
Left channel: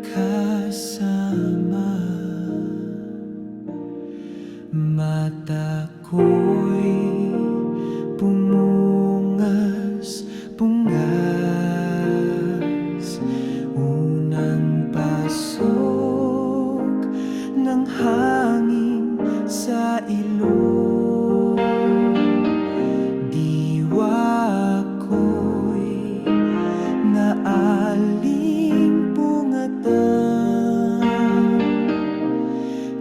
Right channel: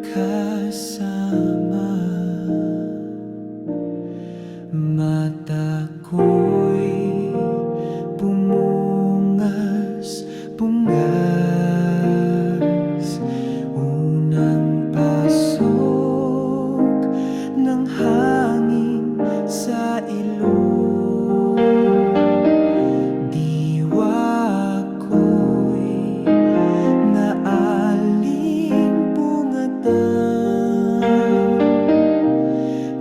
kasama. Mata ko'y bungas, unang pasok ng hangin sa ilong. Diwa ko'y naalimpungatan,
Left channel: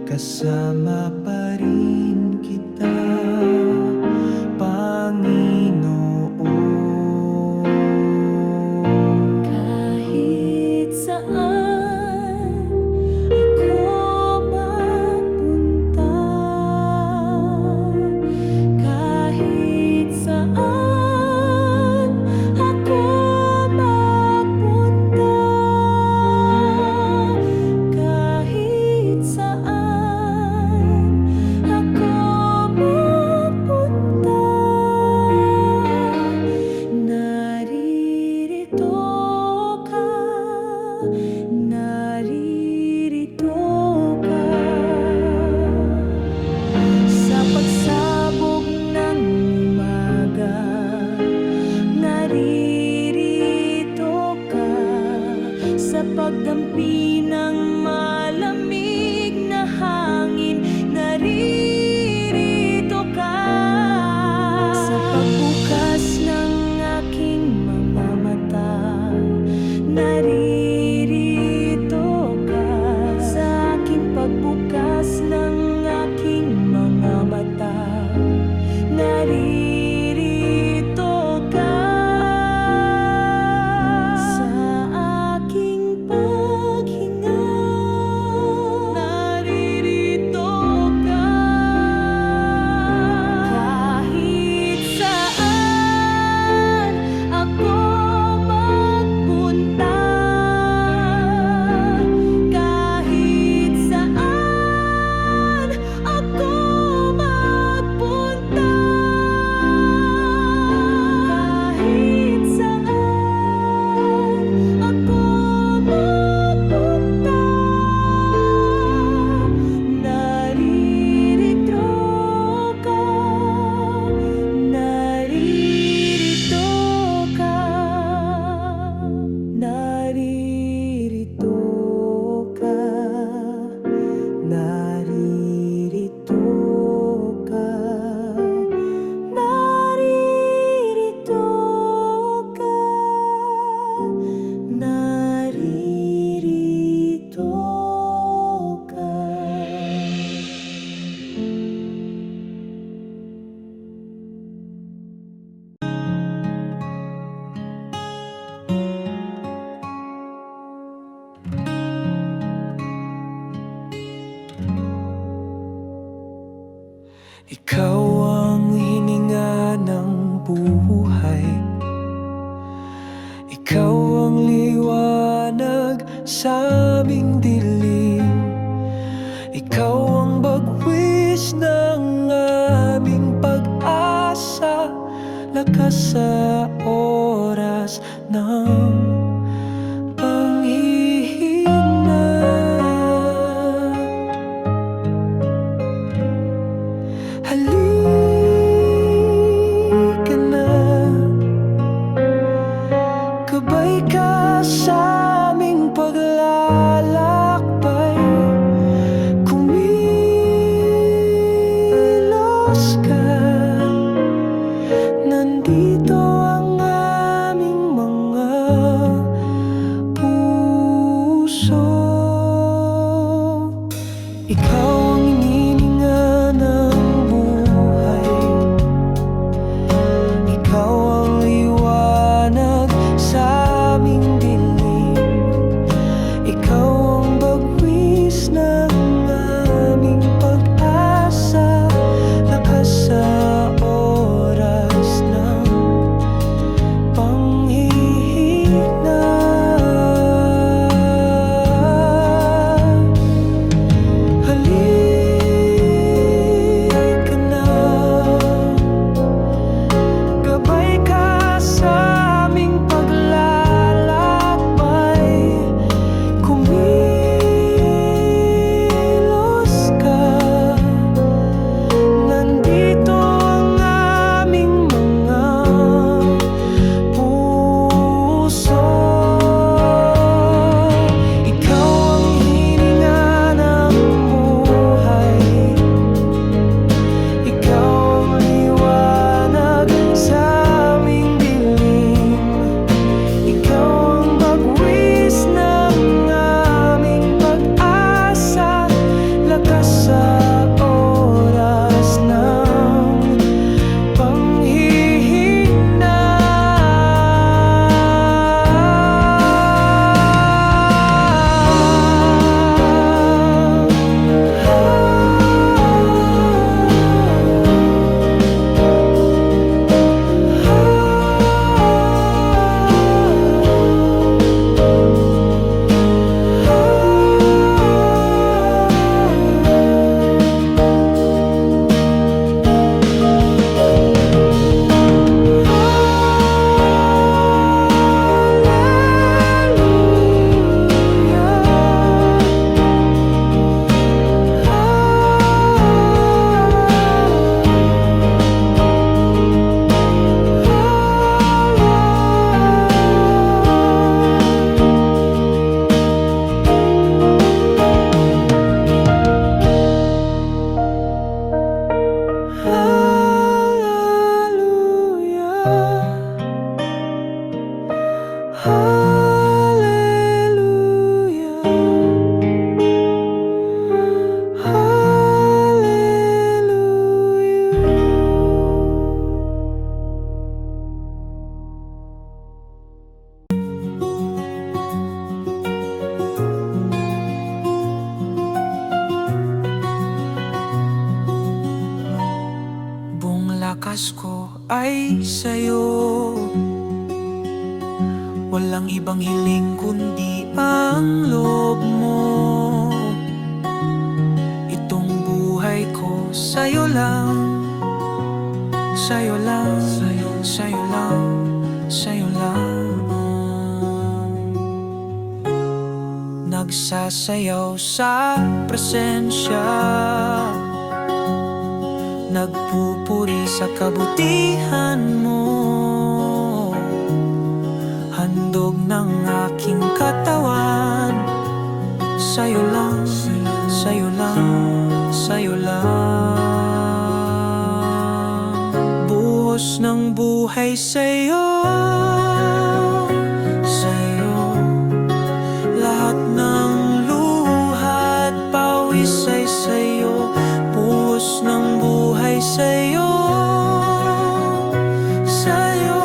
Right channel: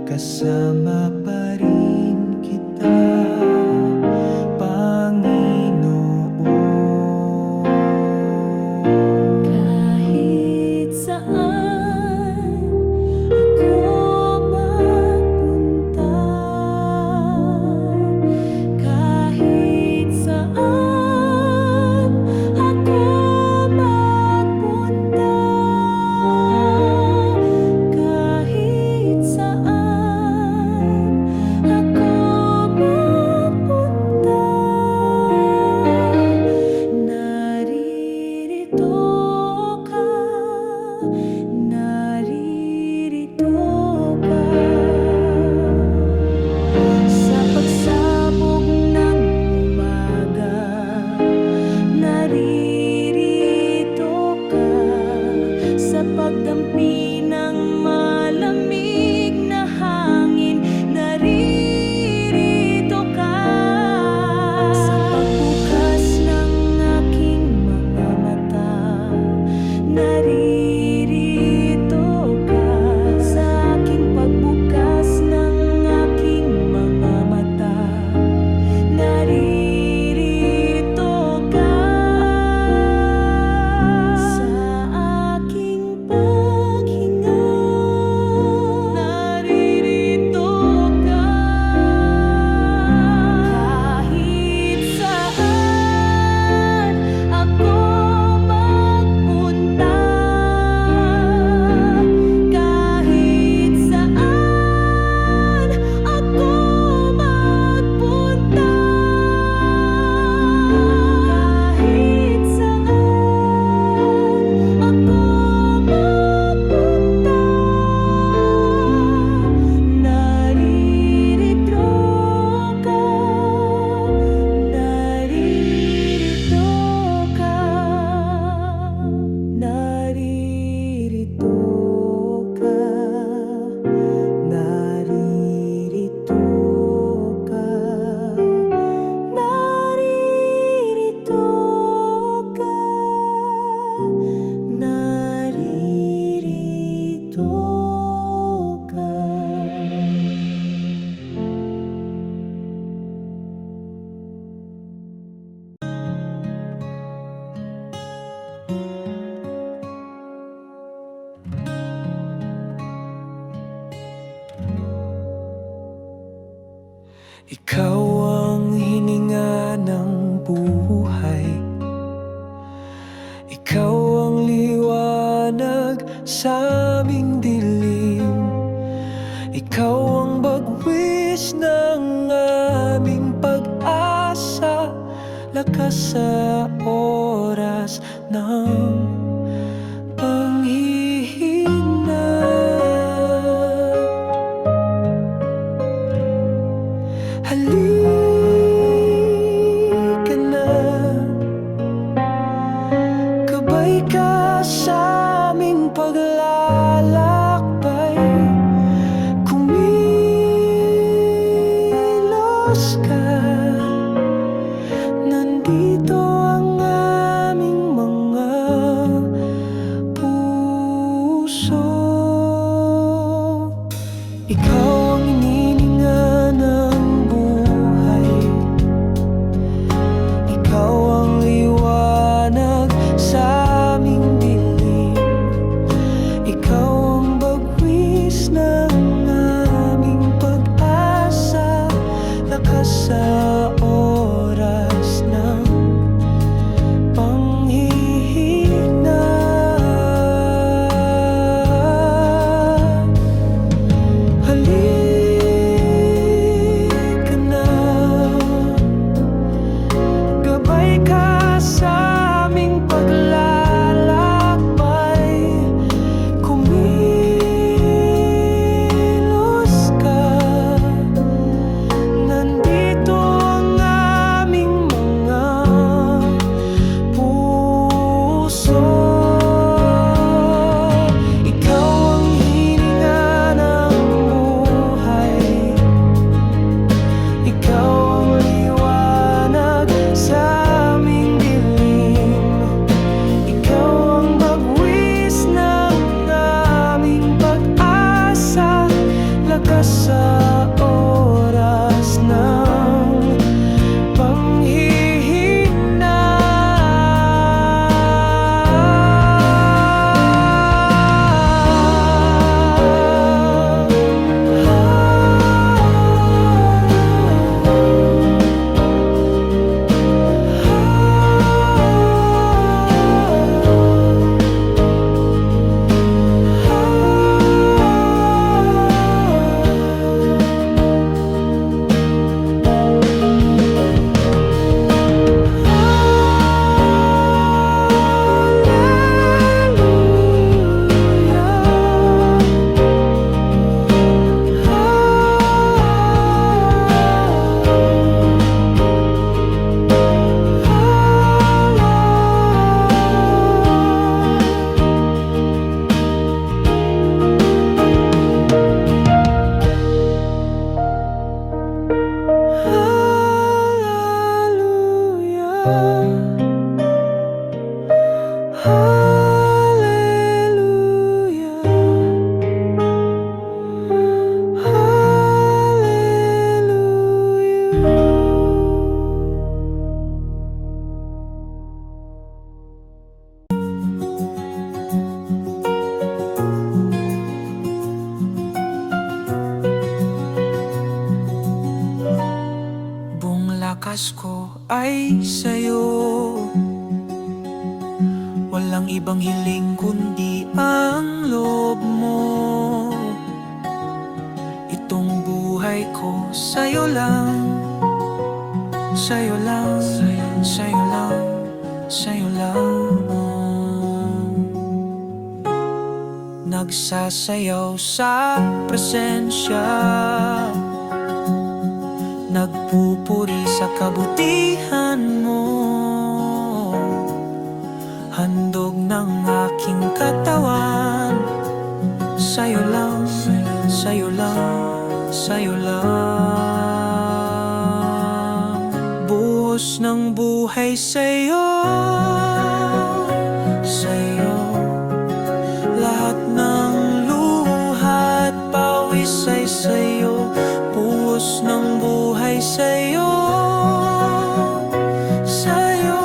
kasama pa rin kita, Panginoon. Kahit saan ako magpunta, kahit saan ako magpunta, kahit saan ako magpunta, naririto ka, naririto ka. Sa pagsabog ng umaga, naririto ka. Sa pagdampi ng malamig na hangin, naririto ka. Sa pagbukas ng aking mga mata, naririto ka. Sa aking pagbukas ng aking mga mata, naririto ka. Sa aking paghinga, naririto ka. Kahit saan ako magpunta, kahit saan ako magpunta, kahit saan ako magpunta, naririto ka, naririto ka, naririto ka, naririto ka, naririto ka, naririto ka. Ikaw ang hininga ng buhay, ikaw ang liwanag sa aming dilim, ikaw ang bagwis ng aming pag-asa, lakas sa oras ng panghihina. Halika na, gabay ka sa aming paglalakbay, kumilos ka. Nandito ang aming mga puso. Ikaw ang inininga ng buhay, ikaw ang liwanag sa aming dilim, ikaw ang bagwis ng aming pag-asa, lakas sa oras ng lakas ko ay sa'yo. Walang ibang hiling kundi ang loob mo. Itong buhay ko sa'yo lang, sa'yo lang, sa'yo lang, sa'yo lang. Nagsasayaw sa presensya, nagpupuri sa kabutihan mo. Handog ng aking katawan, sa'yo lang, sa'yo lang, sa'yo lang. Buhos ng buhay sa'yo, sa'yo. Lahat ng luha at pawis ay sa'yo. Buhos ng buhay sa'yo, sa'yo.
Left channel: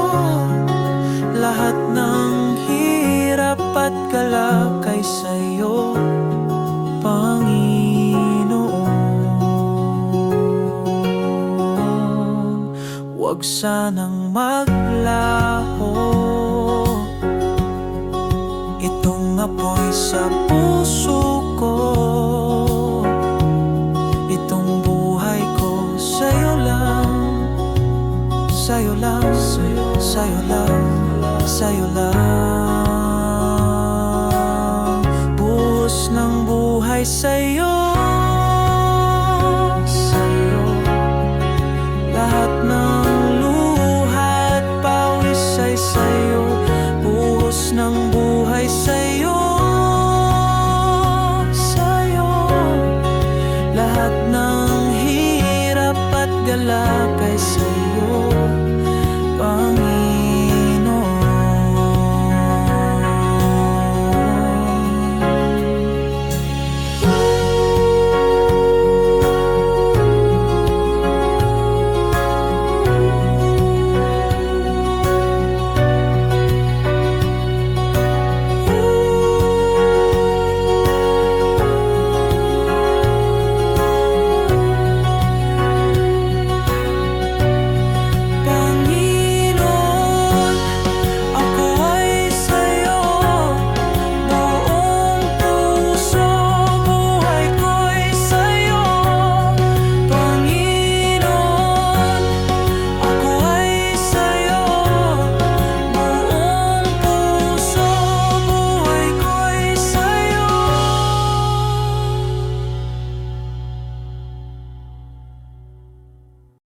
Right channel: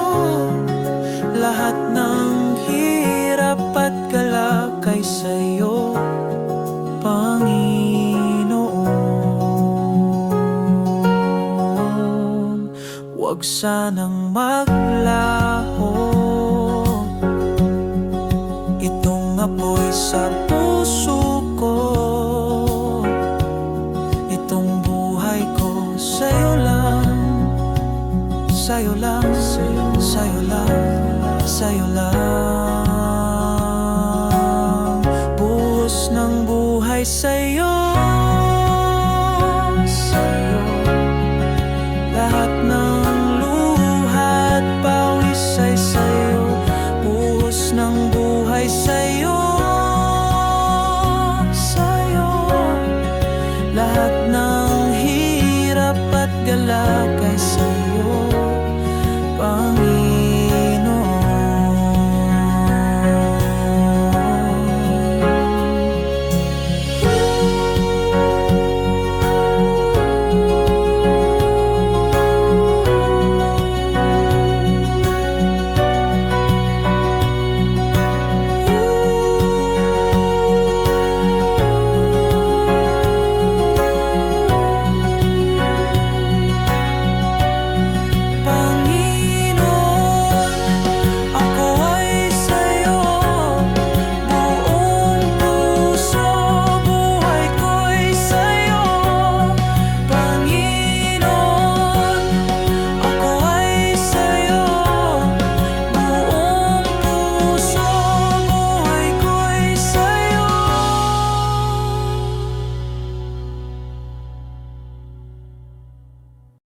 Lahat ng hirap at galak ay sa'yo, Panginoon. Huwag sanang maglaho itong apoy sa puso ko. Itong buhay ko sa'yo lang, sa'yo lang, sa'yo lang, sa'yo lang. Buhos ng buhay sa'yo, sa'yo. Lahat ng luha at pawis ay sa'yo. Buhos ng buhay sa'yo, sa'yo. Lahat ng hirap at galak ay sa'yo, Panginoon.